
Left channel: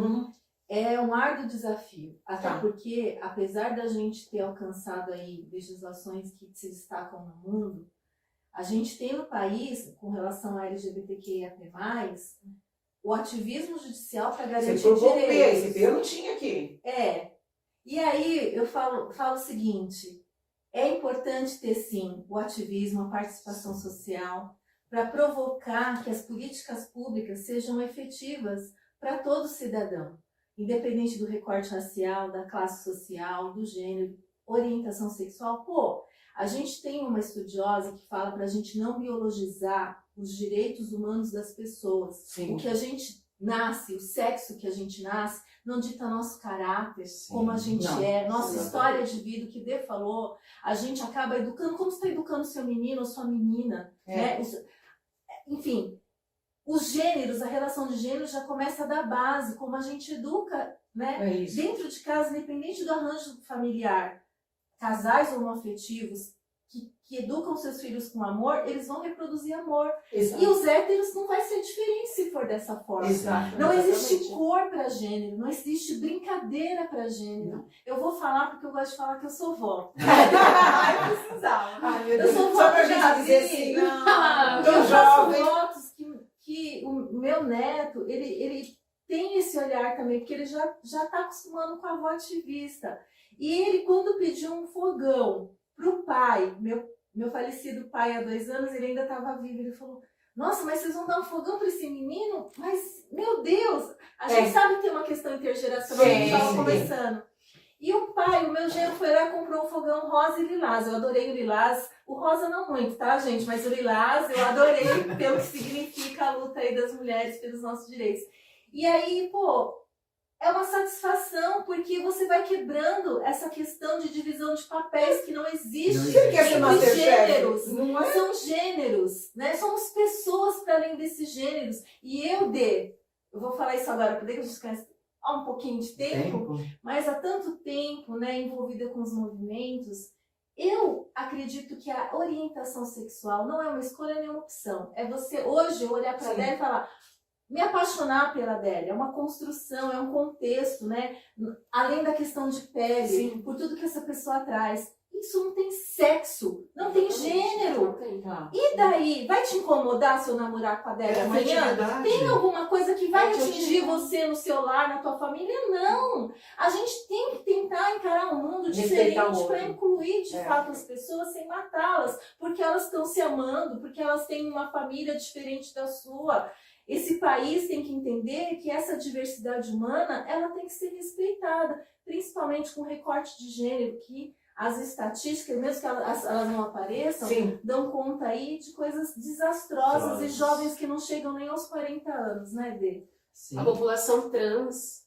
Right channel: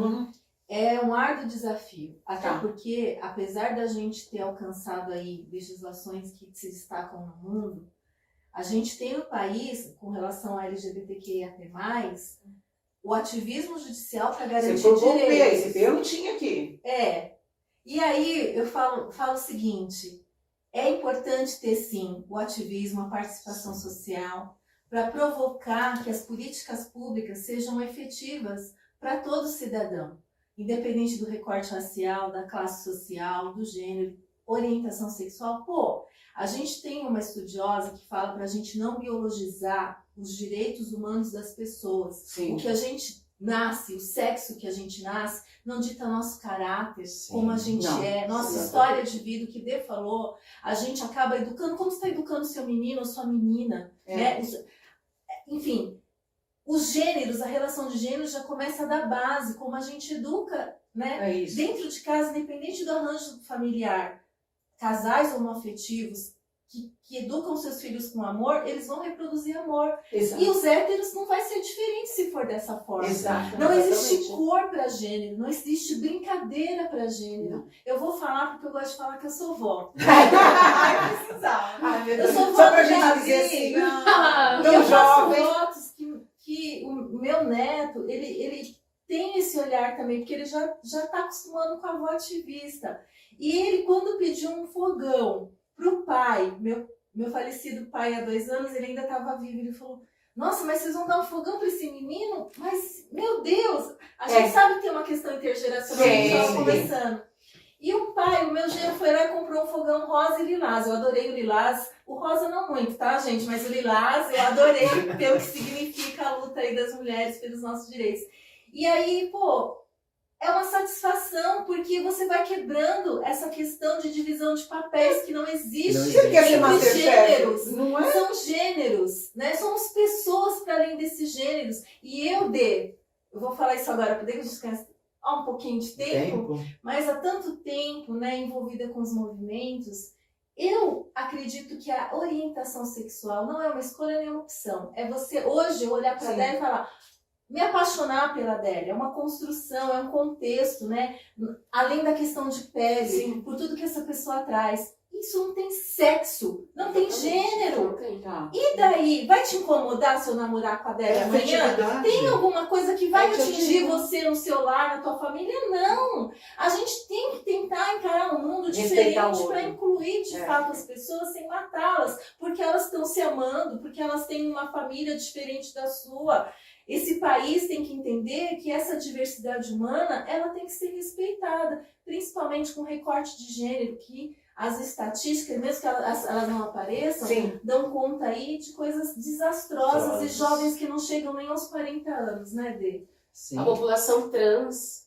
é um árduo desafio. Até Tá. porque, apesar da gente ter alcançado aí legislações que se destacam no mundo, a gente tem no país, com relação a LGBTQIA+, o ativismo judicial para garantir Você colocou o P, direitos. esse P eu não tinha aqui. É. E aí eu falo o seguinte, é importante ter sim o ativismo, a participação social, para provocar que as políticas públicas sejam efetivas para todo cidadão, independente do recorte racial, da classe social, do gênero, orientação sexual. Pô, a gente tem uma estudiosa que fala para a gente não biologizar os direitos humanos das pessoas. Sim. O que a gente nasce, o sexo que a gente nasce, não dita nosso caráter, Sim, como a gente não, é, nossa exatamente. história de vida, o que Dê falou, a gente acaba educando, como você está educando seu menino ou sua menina, né? Enfim, os gêneros, a relação de gêneros já começa da base, como a gente educa, né? É isso. Dentro de casa, independente do arranjo familiar, casais homoafetivos que educam seus filhos com amor, eles vão reproduzir amor. Exato. E os héteros não vai ser diferente se for dessa forma. Exato. Não existe Exatamente. cor para gênero, não existe brincadeira para gênero. Não. Eu vou falar porque eu gosto de falar que eu sou vó. Ai, precisava. Ai, meu Eu Deus. sou vó Só pra do gente dizer assim, Davi. Ah, E tão eu faço jovem. votos que o meu neto, ele tem esse olhar também, porque ele já está acostumando com a avó ativista. E ele, quando pediu um fogão pro pai, meu falecido pai há 2 anos, ele ainda estava vivo, ele falou, nossa, mas vocês vão dar um fogão para esse menino? Mas, meu Deus, a gente sabe que tem uma questão intergeracional, a gente Sim, estava sim. conversando. E o meu genro foi lá e comprou um fogão rosa e lilás. Eu adorei o lilás. O rosa não muito, tá, gente? Mas o lilás eu adorei pelo que significa a luta aí das mulheres pelos nossos direitos. E aí, pô, é uma satisfação, porque você vai quebrando essa questão de divisão de papéis que não existe. Você quer ser Entre Masterchef? gêneros. Não é? São gêneros, né? Somos pessoas para além desses gêneros. E eu vou falar isso agora, porque a gente conhece há um pouquinho de tempo, mas há tanto tempo, né, envolvida com os movimentos, eu acredito que a orientação sexual não é uma escolha nem uma opção. É você hoje olhar para a Adélia e falar, me apaixonar pela Adélia, é uma construção, é um contexto, né? Além da questão de pele, Sim. por tudo que essa pessoa traz. Isso não tem sexo, não tem gênero. Não tem. Tá. E daí, vai te incomodar se eu namorar com a Adélia amanhã? Tem alguma coisa que vai atingir você no seu lar, na tua família? Não! A gente tem que tentar encarar um mundo diferente para incluir de fato as pessoas sem matá-las, porque elas estão se amando, porque elas têm uma família diferente da sua. Esse país tem que entender que essa diversidade humana ela tem que ser respeitada, principalmente com recorte de gênero, que as estatísticas, mesmo que elas não apareçam, Sim. dão conta aí de coisas desastrosas e jovens que não chegam nem aos 40 anos, né, Dê? Sim. A população trans,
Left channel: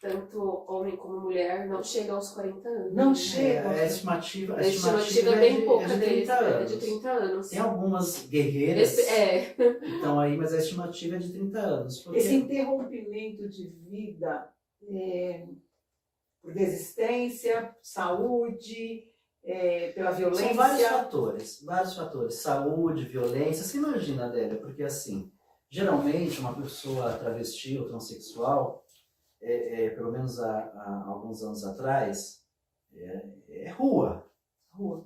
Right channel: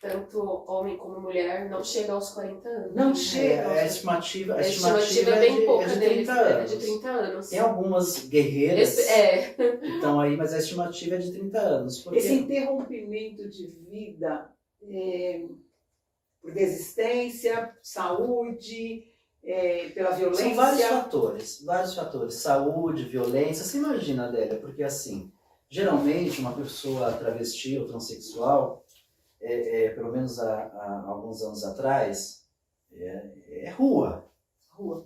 tanto homem como mulher, não chega aos 40 anos. Não chega. A estimativa A estimativa é bem pouca de deles, 30 é anos. de 30 anos. Tem algumas guerreiras É. que estão aí, mas a estimativa é de 30 anos. Porque... Esse interrompimento de vida por desistência, saúde, pela violência. São vários fatores. Saúde, violência. Você imagina, Adélia, porque assim, geralmente uma pessoa travesti ou transexual, pelo menos há alguns anos atrás, é rua.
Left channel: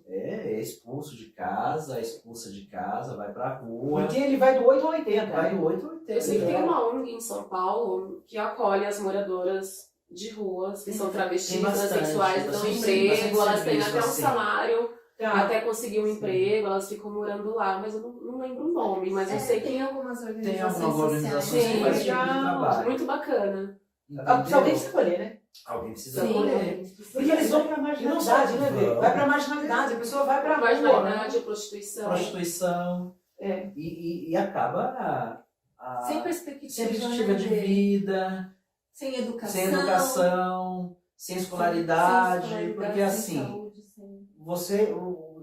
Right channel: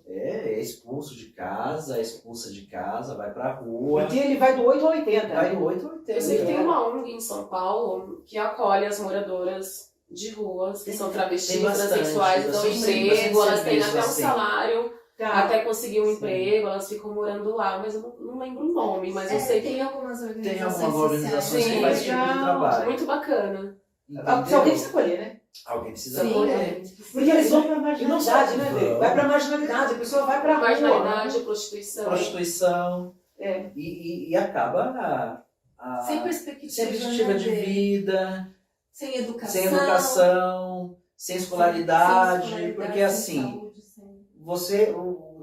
É expulso de casa, é expulsa de casa, vai pra rua. Porque ele vai do 8 ao 80. Vai né? do 8 ao 80. Eu sei que tem uma ONG em São Paulo que acolhe as moradoras de ruas, que são travestis, tem bastante, transexuais, dão bastante emprego, elas têm serviço, até um assim. salário, Tá. até conseguir um Sim. emprego, elas ficam morando lá, mas eu não lembro o nome, mas eu sei que tem algumas organizações Tem algumas organizações que Sim. fazem esse tipo de trabalho. muito bacana. Se alguém precisa escolher, né? Alguém precisa Sim. escolher. Porque eles vão pra marginalidade, E não né, só- Bê? Vai pra marginalidade, a pessoa vai pra rua. Marginalidade, prostituição. Prostituição. É. E acaba Sem perspectiva, perspectiva de né, Dê? vida, Sem educação. sem educação, sem escolaridade, porque sem assim, saúde, o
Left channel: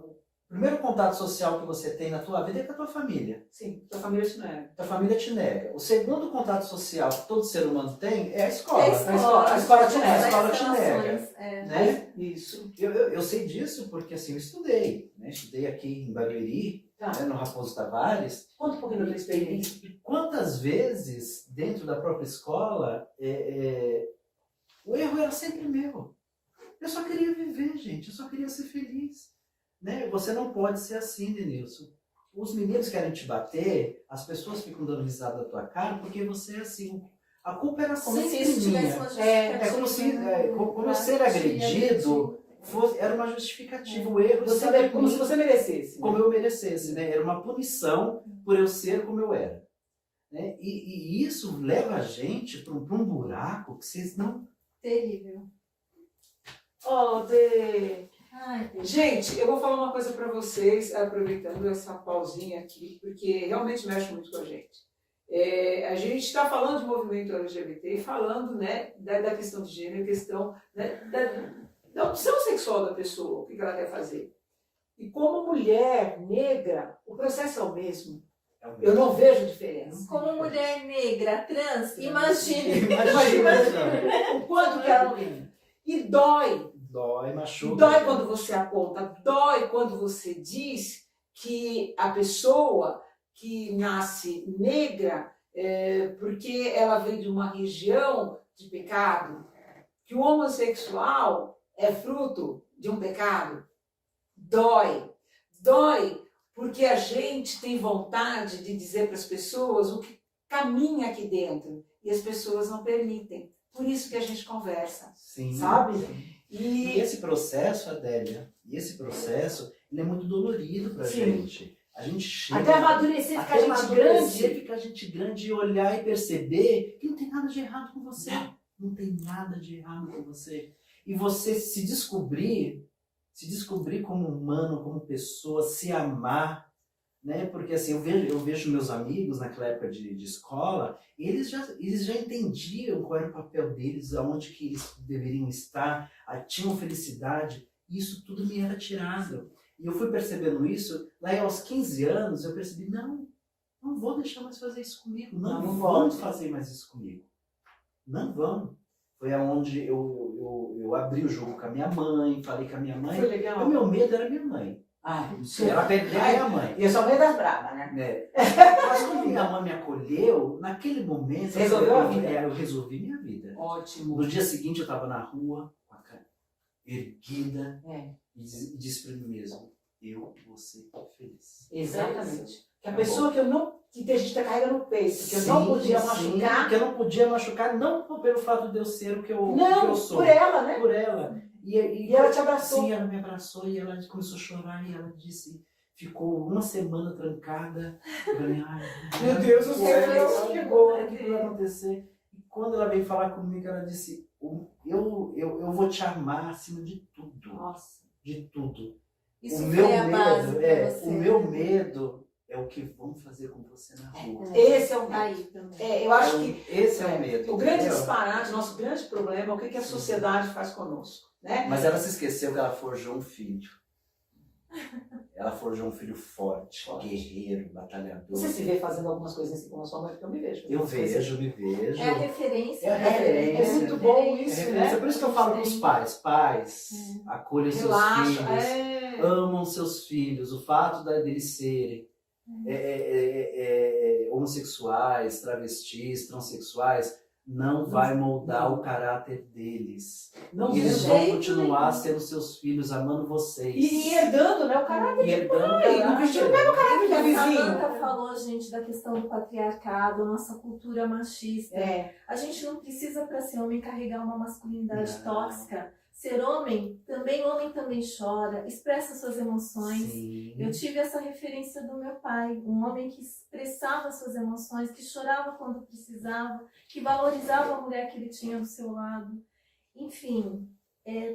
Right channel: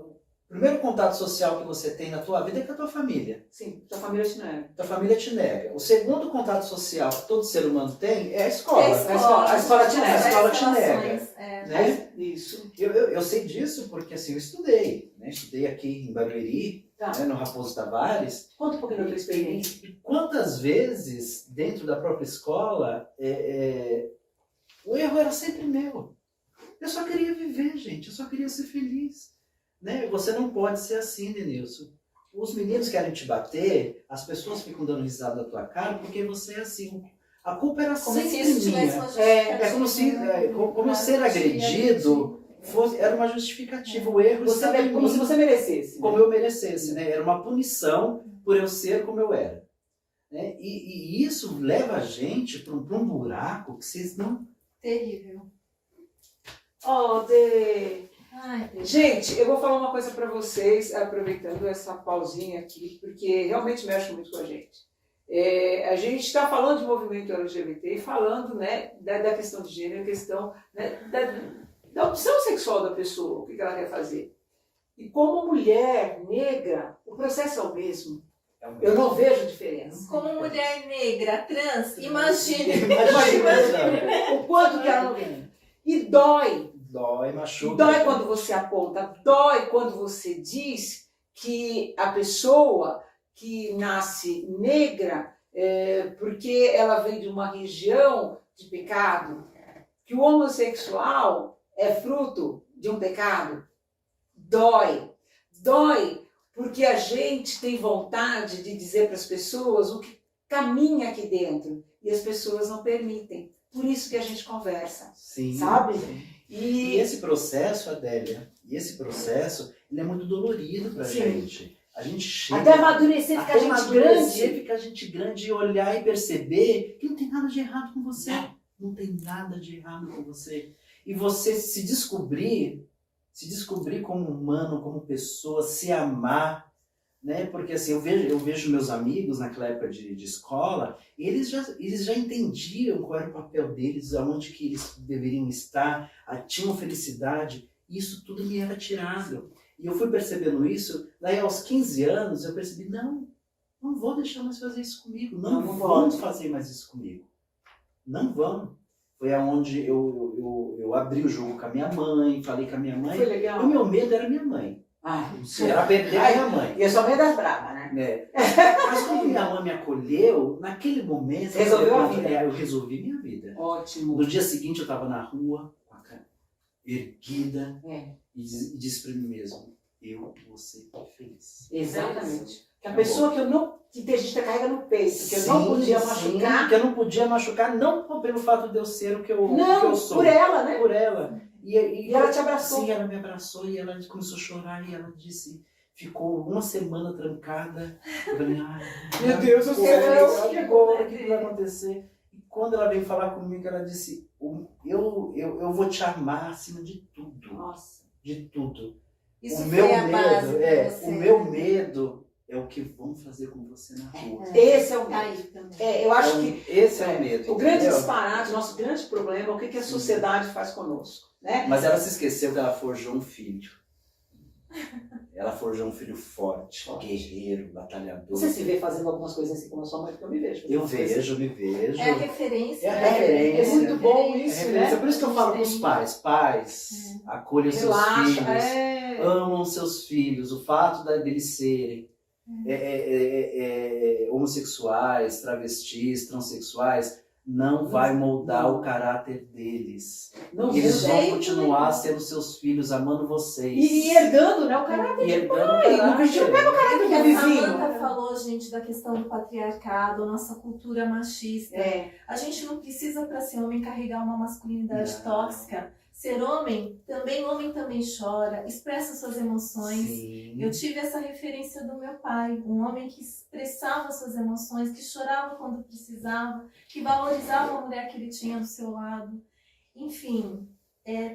primeiro contato social que você tem na tua vida é com a tua família. Sim, tua família te nega. Tua família te nega. O segundo contato social que todo ser humano tem é a escola. A escola te nega. A escola te nega. relações, Né? Isso. Eu sei disso porque assim, eu estudei. Né? Estudei aqui em Barueri, Tá. né, no Raposo Tavares. Conta um pouquinho da tua experiência. E quantas vezes, dentro da própria escola, o erro era sempre meu. Eu só queria viver, gente. Eu só queria ser feliz. Né? Você não pode ser assim, Denilson. Os meninos querem te bater, as pessoas ficam dando risada da tua cara porque você é assim. A culpa era Como se sempre isso tivesse uma minha. justificativa. É como se, como eu ser Pra agredido era uma justificativa. O erro Você estava em como mim, se você merecesse. como eu merecesse, né? Era uma punição por eu ser como eu era. Né? E isso leva a gente para um buraco que vocês não... Terrível. Ai, Deus. Gente, eu vou falar uma coisa para vocês, aproveitando essa pausinha aqui, porque realmente mexe muito com a gente. A gente está falando de movimento LGBT e falando, né, da questão de gênero, questão, né, da opção sexual da pessoa, o que ela quer fazer. E como mulher negra, o processo é o mesmo. Eu não vejo diferença. Como mulher negra, trans, imagine. Imagina. O quanto que ela vem. E dói. Dói, machuca. Dói quando você aponta, dói quando você diz que a pessoa que nasce negra porque ela vem de uma região de pecado, que o homossexual é fruto de um pecado. Dói. Dói porque a gente tem vontade de dizer para as pessoas o que caminha aqui dentro e as pessoas não permitem. Por isso que a gente conversa, Sim. sabe? E esse processo, Adélia, ele é muito dolorido pra gente. A gente chega... Até amadurecer, ficar gente amadurecer, grande. ficar gente grande e olhar e perceber que não tem nada de errado com você. Não tem nada de errado com você. e você se descobrir como humano, como pessoa, se amar, né? Porque assim, eu vejo meus amigos naquela época de escola, eles já entendiam qual era o papel deles, aonde que eles deveriam estar, tinham felicidade, e isso tudo me era tirado. E eu fui percebendo isso, daí aos 15 anos eu percebi, não vou deixar mais fazer isso comigo, não vão fazer mais isso comigo, não vão. Foi aonde eu abri o jogo com a minha mãe, falei com a minha mãe. Foi legal. O meu medo era minha mãe. Se ela perder a minha mãe. E eu sou meio das bravas, né? Mas quando minha mãe me acolheu, naquele momento Resolveu a vida. eu resolvi minha vida. Ótimo. No dia seguinte eu estava na rua, com a cara erguida, e disse para mim mesmo, eu vou ser feliz. Exatamente. Que a pessoa que a gente carrega no peito, que eu não podia machucar. Que eu não podia machucar, não pelo fato de eu ser o que eu sou. Por ela, né? Por ela. E ela te abraçou. Sim, ela me abraçou e ela começou a chorar e ela disse, ficou uma semana trancada. Eu falei, ai, meu Deus do céu, chegou, o que vai acontecer? E quando ela veio falar comigo, ela disse, eu vou te amar acima de tudo. Nossa. De tudo. Isso O meu foi a base pra você. o meu medo é o que vão fazer com você na rua. Esse é o medo. Aí também. Eu acho que esse é o medo. o grande entendeu? disparate, nosso grande problema é o que a sociedade faz conosco, né? Mas ela se esqueceu que ela forjou um filho. Ela forjou um filho forte, guerreiro, batalhador. Você se vê fazendo algumas coisas assim como a sua mãe, porque eu me vejo. Eu me vejo. É a referência. É a né? referência. É muito bom É isso, referência. né? Por isso que eu falo para os pais, acolham seus Relaxa. filhos, amam seus filhos, o fato deles serem homossexuais, travestis, transexuais, não vai moldar o caráter deles. Eles vão continuar sendo seus filhos, amando vocês. E herdando, né, o caráter de pai. Não vestiu o caráter do A vizinho. Samantha falou, gente, da questão do patriarcado, nossa cultura machista. A gente não precisa, para ser homem, carregar uma masculinidade tóxica. Ser homem também chora, expressa suas emoções. Sim. Eu tive essa referência do meu pai, um homem que expressava suas emoções, que chorava quando precisava, que valorizava a mulher que ele tinha do seu lado. Enfim,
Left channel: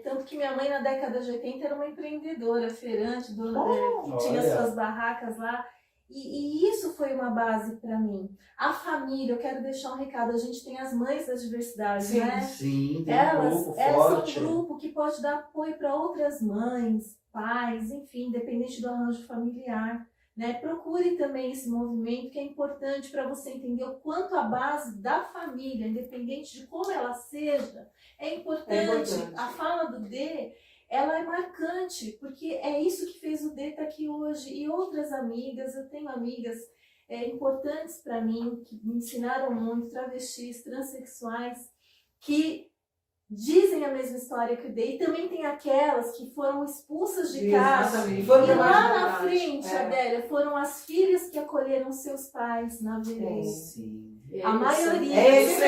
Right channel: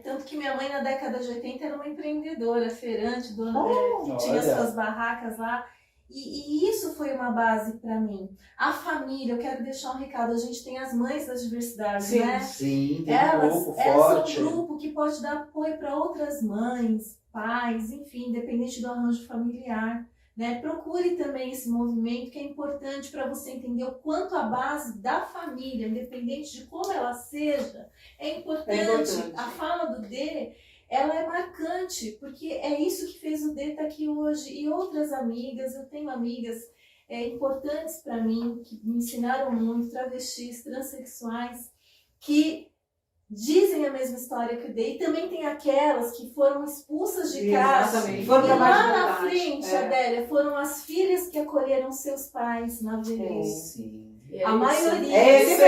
tanto que minha mãe na década de 80 era uma empreendedora, feirante, que tinha suas barracas lá. E isso foi uma base para mim. A família, eu quero deixar um recado, a gente tem as mães das diversidades, né? Sim, tem Elas um grupo forte. são um grupo que pode dar apoio para outras mães, pais, enfim, independente do arranjo familiar. Né? Procure também esse movimento, que é importante para você entender o quanto a base da família, independente de como ela seja, é importante. A fala do D, ela é marcante, porque é isso que fez o D estar aqui hoje. E outras amigas, eu tenho amigas importantes para mim, que me ensinaram muito, travestis, transexuais, que dizem a mesma história que o D. E também tem aquelas que foram expulsas de casa. Exatamente. E Foram lá pra na frente, Adélia, foram as filhas que acolheram seus pais na velhice. Sim. A maioria. É isso.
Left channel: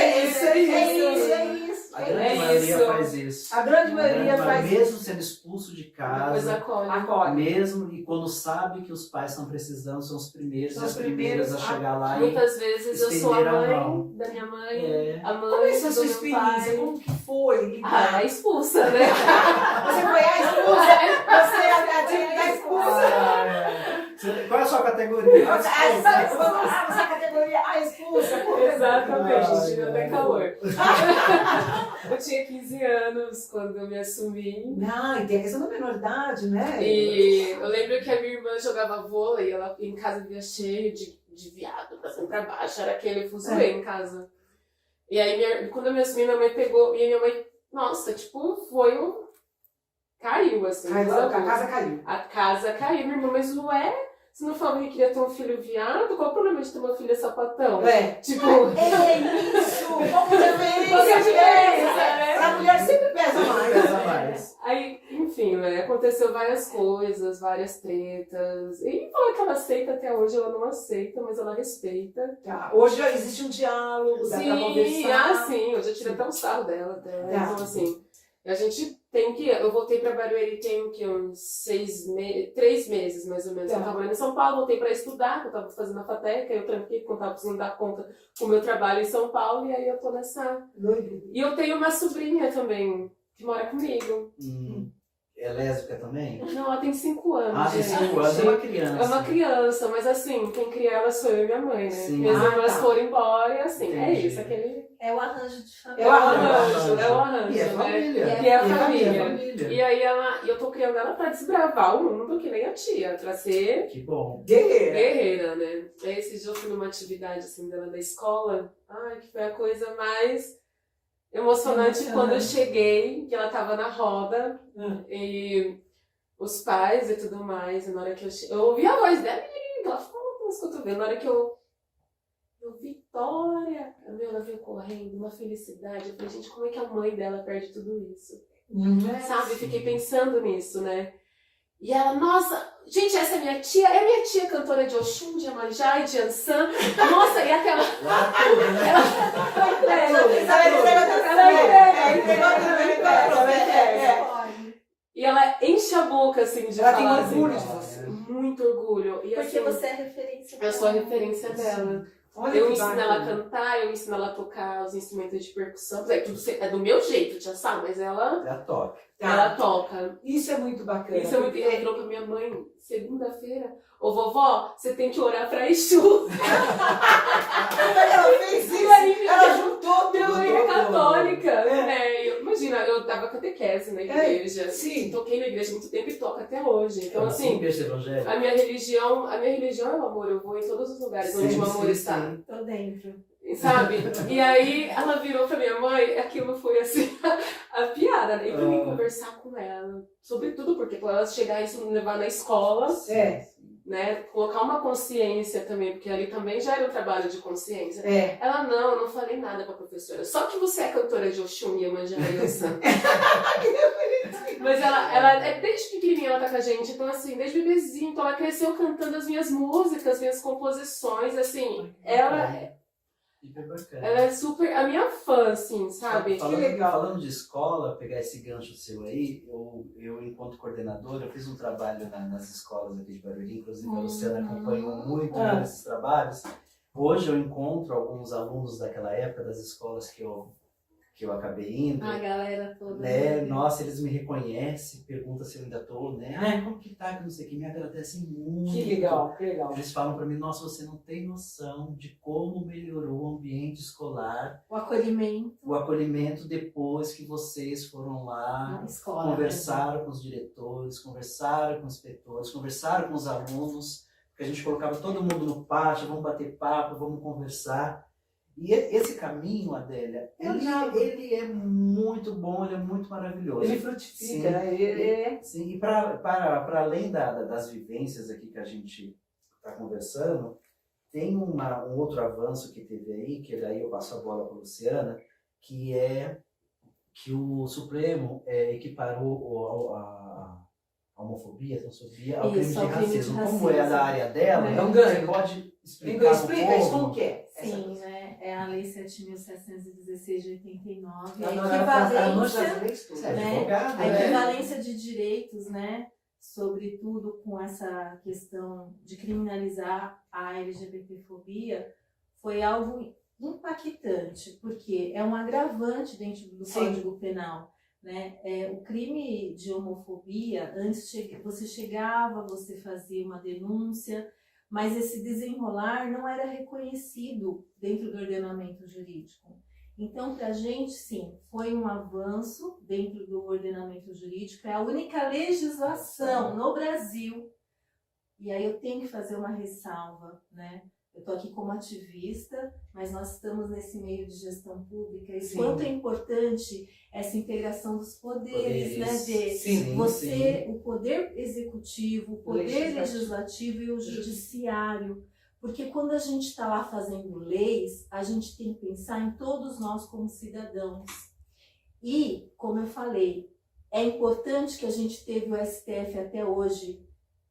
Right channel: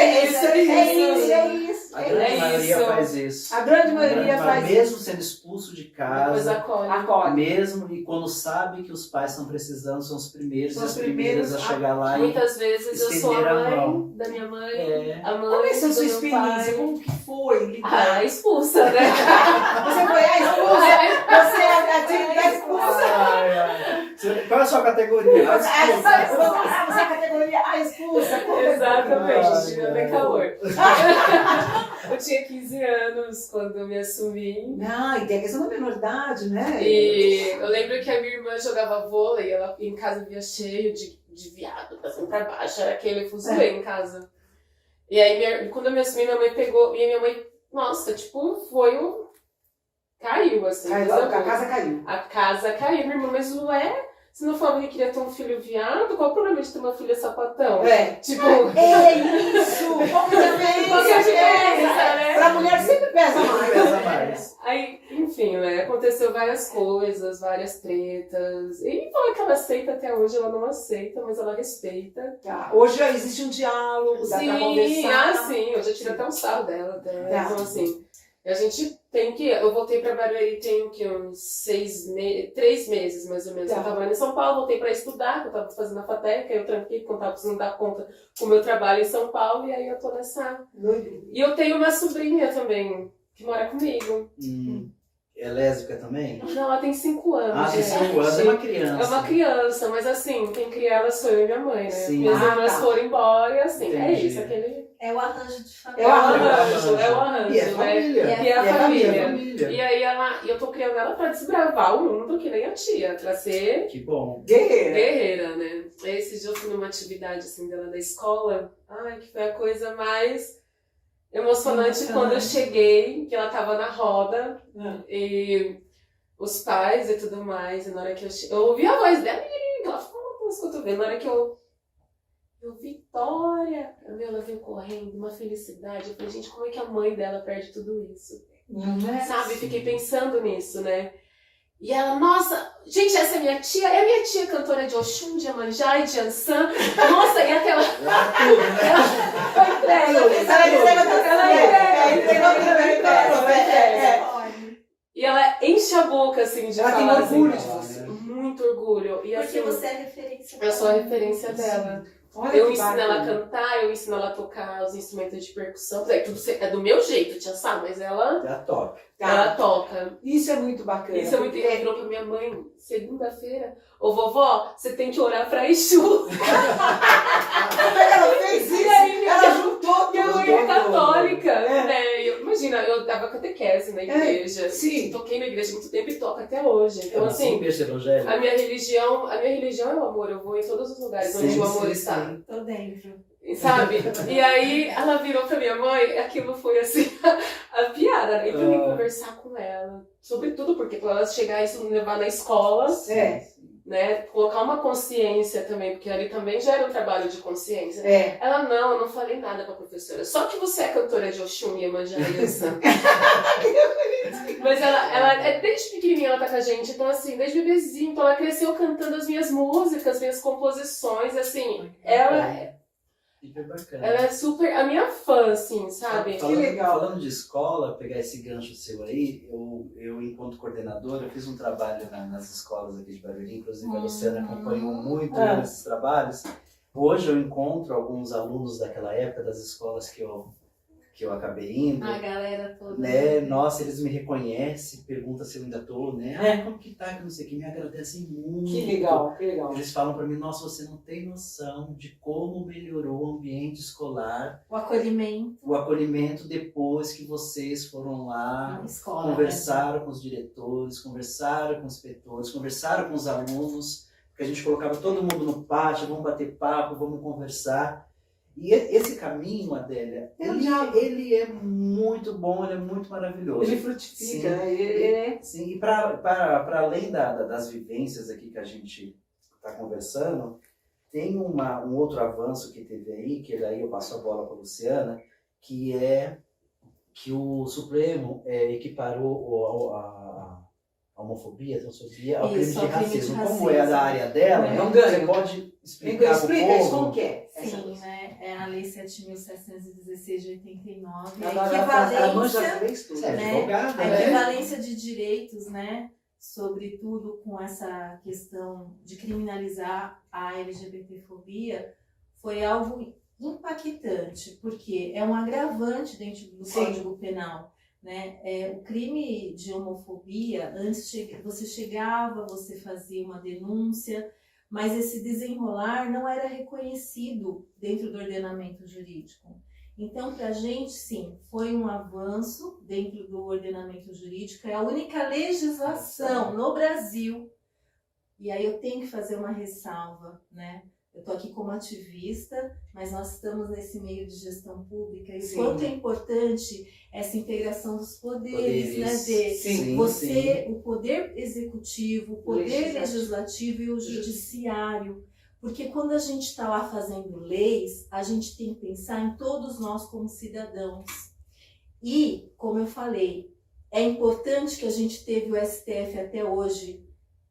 A grande maioria faz isso. A grande maioria faz isso. Mesmo sendo expulso de casa, acolhe. mesmo e quando sabe que os pais estão precisando, são os primeiros São e os as primeiras a primeiros chegar lá Muitas vezes eu sou a estender a mãe mão. da minha mãe, a Como mãe é sua do meu experiência? pai. Como que foi? Expulsa, né? Você foi a expulsa? Você é a tia da expulsa? Qual é a sua categoria? Você é a categoria a expulsa? Exatamente, tira até calor. Eu tinha 15 anos quando eu me assumi. Não, e tem a questão da menoridade, né? E eu lembro que a minha irmã jogava vôlei, ela em casa via cheio de viado, pra cima pra baixo, era aquele fuzuê em casa. E aí, quando eu me assumi, minha mãe pegou, e a minha mãe, nossa, tipo, caiu, assim. A casa caiu. A casa caiu, minha irmã, mas se não falava que queria ter um filho viado, qual o problema de ter uma filha sapatão? Tipo... É isso! Qual que é a diferença? né? Pra mulher sempre pesa mais. Aí, enfim, né? Aconteceu várias coisas, várias tretas. E falar que ela aceita até hoje, ela não aceita, mas ela respeita. Hoje já existe um diálogo, dá pra conversar. Sim, eu já tirei até um sarro dela. Então, assim, a gente tem que... Eu voltei pra Barueri tem o quê? Uns 3 meses, mais ou menos. Eu tava em São Paulo, voltei pra estudar, que eu tava fazendo a FATEC, aí eu tranquei, porque eu tava precisando dar conta com o meu trabalho em São Paulo, e aí eu tô nessa... E eu tenho uma sobrinha também, que mora comigo. É lésbica também? Não, ela tem 5 anos. Ah, tem gente. 5 anos, é uma criança. É uma criança, mas assim, quem cria ela sou eu e minha mãe, né? Sim. Minhas irmãs tá. foram embora e assim, é Entendi. isso, aquele. É o arranjo de família. É o arranjo. É o arranjo, E é né? família. E é a família. família. E aí eu tô criando ela pra desbravar o mundo, que nem a tia, pra ser Que bom. Guerreira. guerreira, né? Esse dia eu fui numa atividade assim dela da escola, ai, que foi a coisa mais emocionante quando eu cheguei, que ela tava na roda e os pais e tudo mais, e na hora que eu ouvi a voz dela, ela falou com os cotovelos, na hora que eu Vitória, ela veio correndo, uma felicidade, eu falei, gente, como é que a mãe dela perde tudo isso? Sabe, fiquei pensando nisso, né? E ela, nossa, gente, essa é minha tia, é minha tia cantora de Oxum, de Iemanjá e de Ansan. Nossa, e aquela... Lá tudo, né? E ela enche a boca, assim, de Ela tem falar orgulho assim, de você. muito orgulho. E, Porque assim, você é referência. eu sou a referência dela. Olha Eu que ensino bacana. ela a cantar, eu ensino ela a tocar os instrumentos de percussão. É, tudo é do meu jeito, tia Sá, mas ela Já toca. ela toca. Isso é muito bacana. Isso é muito. Ela virou pra minha mãe, segunda-feira. Ô vovó, você tem que orar pra Exu. Ela fez isso. E aí, Ela juntou minha tudo. mãe é católica. Né? Imagina, eu dava catequese na igreja. Sim. Toquei na igreja há muito tempo e toco até hoje. Então, Assim, assim, berço evangélico. a minha religião é o amor. Eu vou em todos os lugares onde Sim, o amor sim, está. sim. Tô dentro. Sabe? E aí ela virou pra minha mãe, aquilo foi assim, a piada, né? E pra mim conversar com ela. Sobretudo porque pra ela chegar isso me levar na escola, né? Colocar uma consciência também, porque ali também já era um trabalho de consciência. Ela, não, eu não falei nada pra professora. Só que você é cantora de Oxum e Iemanjá e Ansan. Mas ela, desde pequenininha ela tá com a gente, então assim, desde bebezinho, então ela cresceu cantando as minhas músicas, minhas composições, e assim, ela Hiper é super a minha fã, assim, sabe? Falando, Que legal. Falando de escola, pegar esse gancho seu aí, eu enquanto coordenadora, eu fiz um trabalho nas escolas aqui de Barueri, inclusive a Luciana acompanhou muito esses trabalhos. Hoje eu encontro alguns alunos daquela época, das escolas que eu acabei indo. A galera toda. Né? Nossa, eles me reconhecem, perguntam se eu ainda tô, né? Como que tá? Que não sei o que, me agradecem muito. Que legal, que legal. Eles falam pra mim, nossa, você não tem noção de como melhorou o ambiente escolar, O acolhimento o acolhimento depois que vocês foram lá, na escola. conversaram com os diretores, conversaram com os inspetores, conversaram com os alunos, porque a gente colocava todo mundo no pátio, vamos bater papo, vamos conversar. E esse caminho, Adélia, ele é muito bom, ele é muito maravilhoso. Ele frutifica. Sim, e para além das vivências aqui que a gente está conversando, tem um outro avanço que teve aí, que daí eu passo a bola para a Luciana, que é que o Supremo equiparou a homofobia, a transfobia ao crime de racismo. Como é da área dela, Não você ganha. pode explicar Explica isso como povo? que é. Sim, né? É a Lei 7.716 de 89. A Ela manja as equivalência, leis tudo. Você é né? advogada, a né? equivalência de direitos, né? Sobretudo com essa questão de criminalizar a LGBTfobia, foi algo impactante, porque é um agravante dentro do Código Penal. Né? O crime de homofobia, antes você chegava, você fazia uma denúncia, mas esse desenrolar não era reconhecido dentro do ordenamento jurídico. Então, para a gente, sim, foi um avanço dentro do ordenamento jurídico, é a única legislação no Brasil. E aí eu tenho que fazer uma ressalva, né? Eu estou aqui como ativista, mas nós estamos nesse meio de gestão pública, e quanto é importante essa integração dos poderes, né? De o poder executivo, o poder legislativo e o judiciário. Porque quando a gente está lá fazendo leis, a gente tem que pensar em todos nós como cidadãos. E, como eu falei, é importante que a gente teve o STF até hoje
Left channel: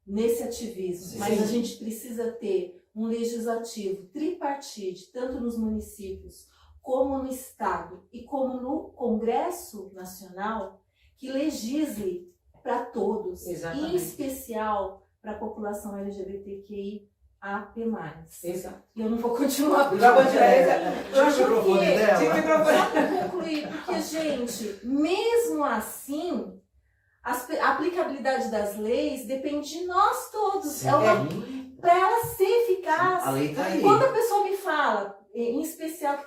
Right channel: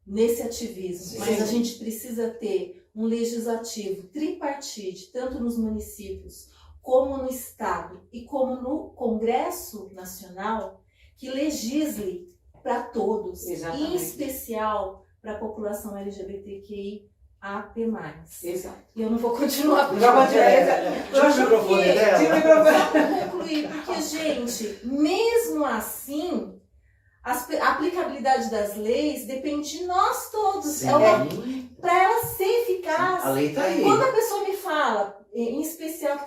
nesse ativismo, mas a gente precisa ter um legislativo tripartite, tanto nos municípios como no Estado e como no Congresso Nacional, que legisle para todos, em especial para a população LGBTQIA+. Exato. E eu não vou continuar. Tira o microfone dela. Para concluir contribuir, porque, gente, mesmo assim, a aplicabilidade das leis depende de nós todos. Sim. Para ela ser eficaz. A lei tá aí. Quando a pessoa me fala, em especial que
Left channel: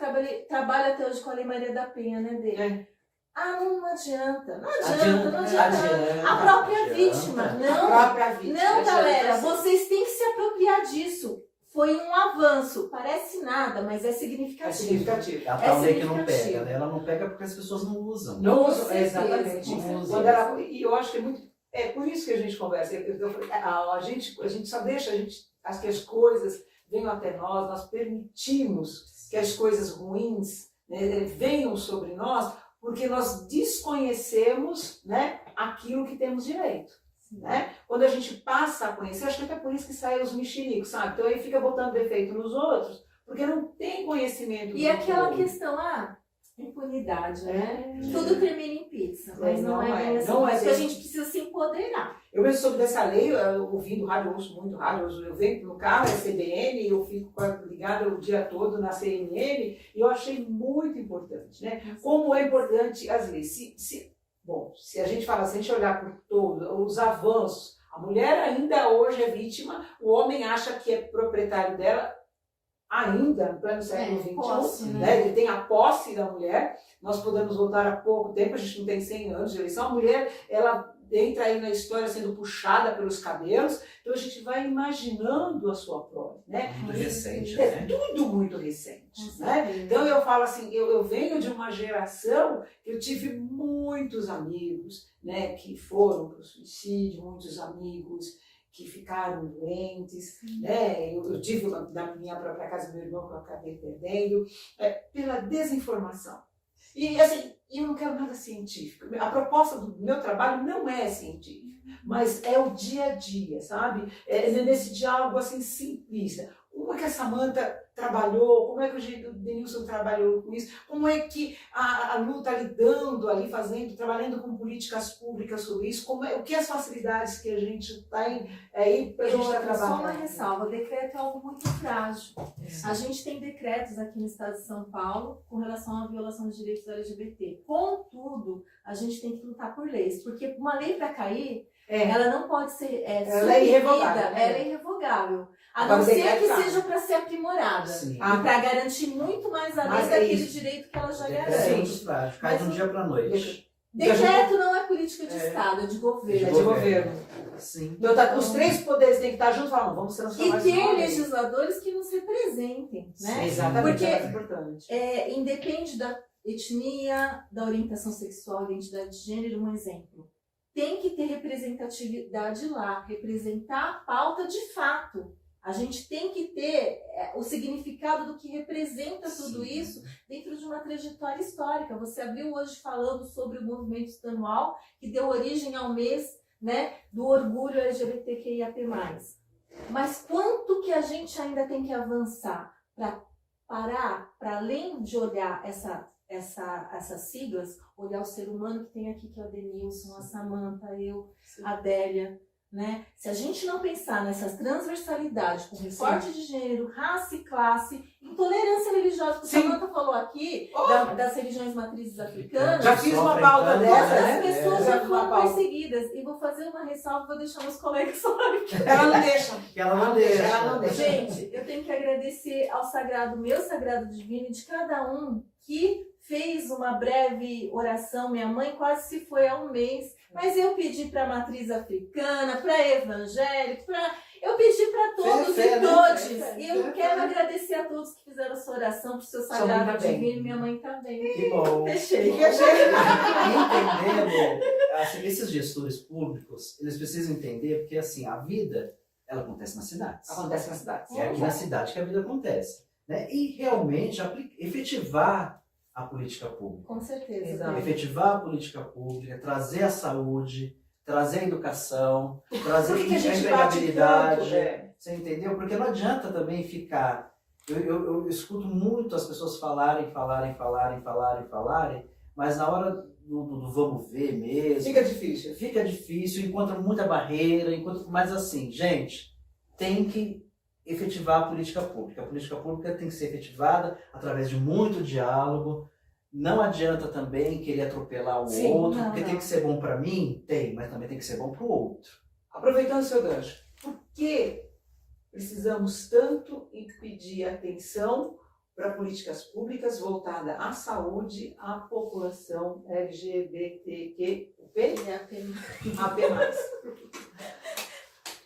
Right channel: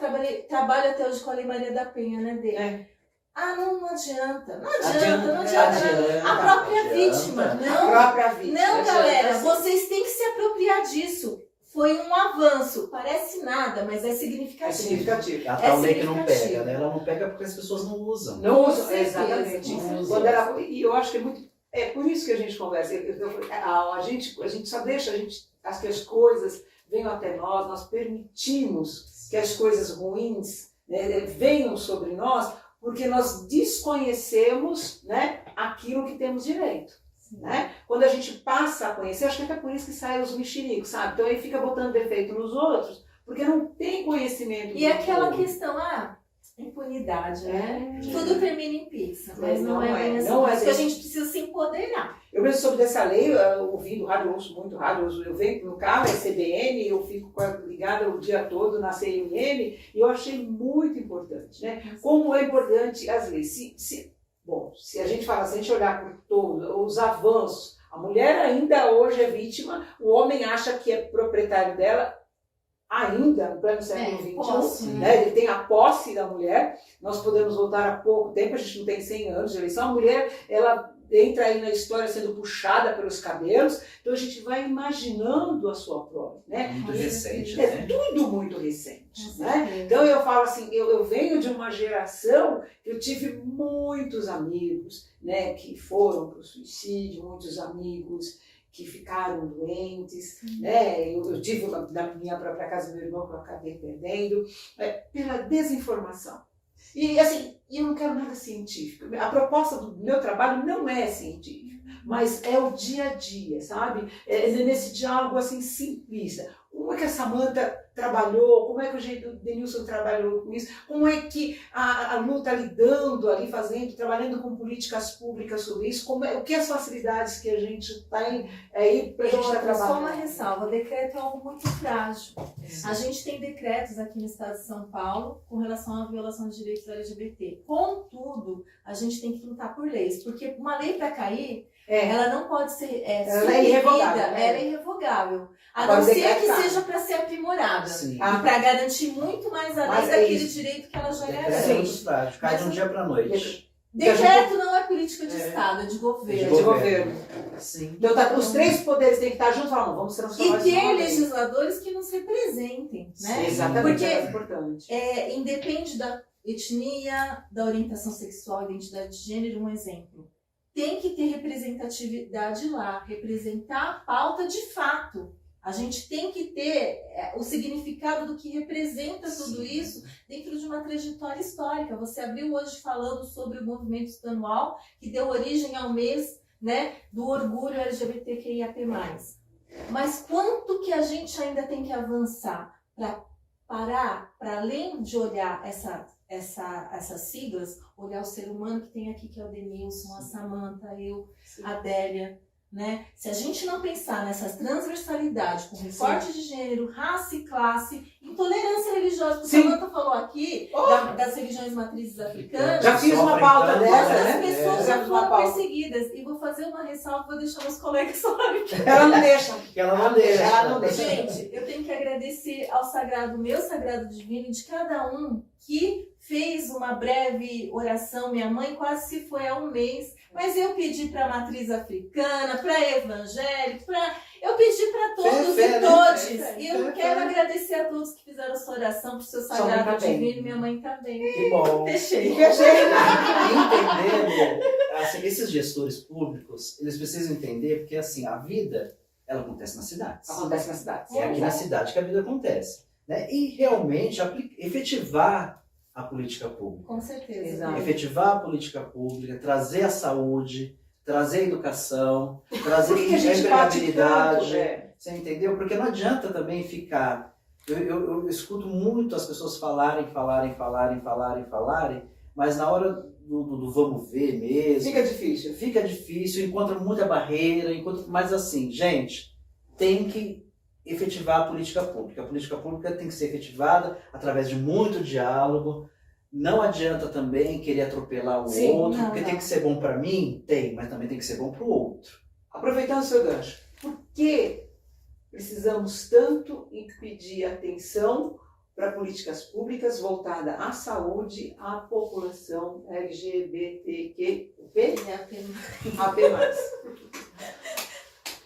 trabalha até hoje com a Lei Maria da Penha, né, dele? Não adianta. Não adianta. A própria vítima. Não, A própria vítima. não, galera, vocês têm que se apropriar disso. Foi um avanço. Parece nada, mas é significativo. É significativo. A tal lei que não significativo. pega, né? Ela não pega porque as pessoas não usam. Não usam, certeza, exatamente. com certeza. Quando ela, e eu acho que é muito. É por isso que a gente conversa. A gente só deixa, acho que as coisas venham até nós permitimos que as coisas ruins, né, venham sobre nós, porque nós desconhecemos, né, aquilo que temos direito. Né? Quando a gente passa a conhecer, acho que até por isso que saem os mexericos, sabe? Então aí fica botando defeito nos outros, porque não tem conhecimento. E aquela questão, impunidade, né? Tudo termina em pizza, mas não é bem assim. Não é Porque a assim. gente precisa se empoderar. Eu mesmo soube dessa lei, ouvindo rádio, eu ouço muito rádio, eu venho no carro, é CBN, eu fico ligada o dia todo na CNN, e eu achei muito importante, né? Como é importante as leis. Se a gente fala, se a gente olhar por todos os avanços, a mulher ainda hoje é vítima, o homem acha que é proprietário dela, ainda no pleno século XXI, né? Ele tem a posse da mulher. Nós podemos voltar há pouco tempo, a gente não tem 100 anos de eleição, a mulher, ela entra aí na história sendo puxada pelos cabelos, então a gente vai imaginando a sua prole, né? Muito recente, É né? tudo muito recente, né? Então eu falo assim, eu venho de uma geração, eu tive muitos amigos, né, que foram para o suicídio, muitos amigos que ficaram doentes, né? Eu tive na minha própria casa meu irmão que eu acabei perdendo, pela desinformação. E assim, eu não quero nada científico. A proposta do meu trabalho não é científica, mas é o dia a dia, sabe? É nesse diálogo assim simplista. Como é que a Samantha trabalhou? Como é que o Denilson trabalhou com isso? Como é que a Lu está lidando ali, trabalhando com políticas públicas sobre isso? O que as facilidades que a gente tem aí para a gente estar trabalhando? Só uma ressalva, decreto é algo muito frágil. A gente tem decretos aqui no estado de São Paulo com relação à violação de direitos LGBT. Contudo, a gente tem que lutar por leis, porque uma lei para cair, ela não pode ser ela é irrevogável. ela é irrevogável. A Agora, não ser que decreto seja para ser aprimorada. Sim. E para garantir muito mais além daquele direito que ela já É garante. muito prático, cai de um dia para noite. Decreto não é política de Estado, é de governo. É de governo. Sim. Então, os três poderes têm que estar juntos, vamos transformar E isso numa ter lei. legisladores que nos representem, né? Sim, Exatamente, Porque é importante. independe da etnia, da orientação sexual, identidade de gênero, um exemplo. Tem que ter representatividade lá, representar a pauta de fato. A gente tem que ter o significado do que representa tudo isso dentro de uma trajetória histórica. Você abriu hoje falando sobre o movimento estadual que deu origem ao mês, né, do orgulho LGBTQIAP+. Mas quanto que a gente ainda tem que avançar para parar, para além de olhar essas siglas, olhar o ser humano que tem aqui, que é o Denilson, a Samantha, eu, a Adélia, né? Se a gente não pensar nessas transversalidades, com recorte de gênero, raça e classe, intolerância religiosa, que a Samantha falou aqui, das religiões matrizes africanas, Já fiz uma pauta dessa, as né? pessoas já foram pauta. perseguidas. E vou fazer uma ressalva, vou deixar meus colegas falarem aqui. Ela não deixa. Ela não deixa. Ela não deixa. Gente, eu tenho que agradecer ao sagrado, meu sagrado divino, de cada um que fez uma breve oração. Minha mãe quase se foi há um mês, mas eu pedi para a matriz africana, para evangélico, eu pedi para todos Fé, e né? todos. Fé, E eu quero agradecer a todos que fizeram essa oração para o seu Sua mãe sagrado também. divino. Minha mãe também. Que bom. Fechei. Entendendo, assim, esses gestores públicos, eles precisam entender, porque assim, a vida, ela acontece nas cidades. Acontece na cidade. É aqui na cidade que a vida acontece. Né? E realmente efetivar a política pública. Com certeza. Exato. Efetivar a política pública, trazer a saúde, trazer a educação, trazer Por que a a gente bate empregabilidade. tanto? Você entendeu? Porque não adianta também ficar... Eu escuto muito as pessoas falarem, mas na hora do vamos ver mesmo... Fica difícil. Fica difícil, encontra muita barreira, mas assim, gente, tem que efetivar a política pública. A política pública tem que ser efetivada através de muito diálogo, Não adianta também querer atropelar o Sim, outro, não, porque não. tem que ser bom para mim? Tem, mas também tem que ser bom para o outro. Aproveitando o seu gancho, por que precisamos tanto em pedir atenção para políticas públicas voltadas à saúde, à população LGBTQ+, AP+.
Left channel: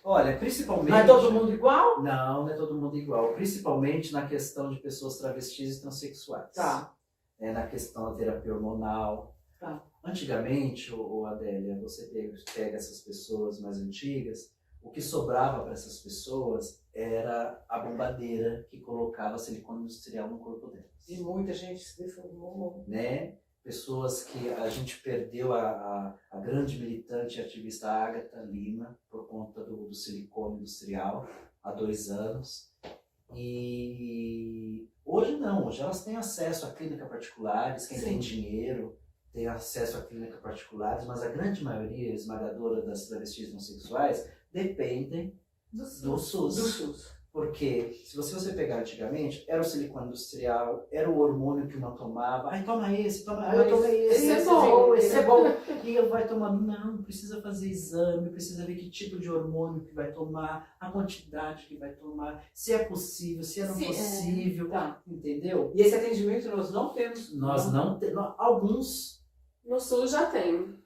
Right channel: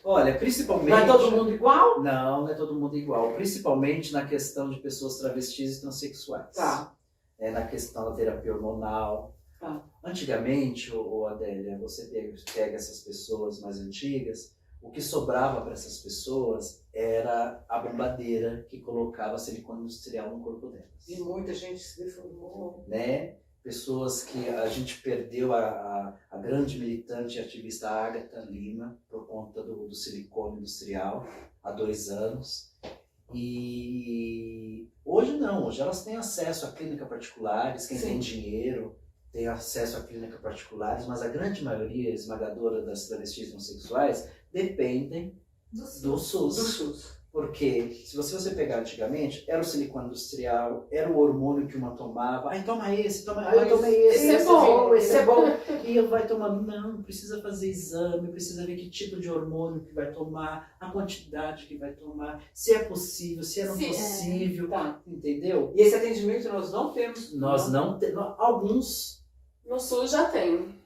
Olha, principalmente... Não é todo mundo igual? Não é todo mundo igual. Principalmente na questão de pessoas travestis e transexuais. Tá. Na questão da terapia hormonal. Tá. Antigamente, Adélia, você pega essas pessoas mais antigas, o que sobrava para essas pessoas era a bombadeira que colocava silicone industrial no corpo delas. E muita gente se deformou. Né? Pessoas que a gente perdeu a grande militante e ativista Agatha Lima por conta do silicone industrial há 2 anos. E hoje não, hoje elas têm acesso a clínicas particulares, quem tem dinheiro tem acesso a clínicas particulares, mas a grande maioria esmagadora das travestis homossexuais dependem do SUS. Porque se você pegar antigamente, era o silicone industrial, era o hormônio que uma tomava. Ai, toma esse, eu tomei esse. Esse é bom. E eu vai tomando. Não, precisa fazer exame, precisa ver que tipo de hormônio que vai tomar, a quantidade que vai tomar, se é possível, se é não possível. Tá. Entendeu? E esse atendimento nós não temos? Nós não temos. Alguns. No Sul já tem.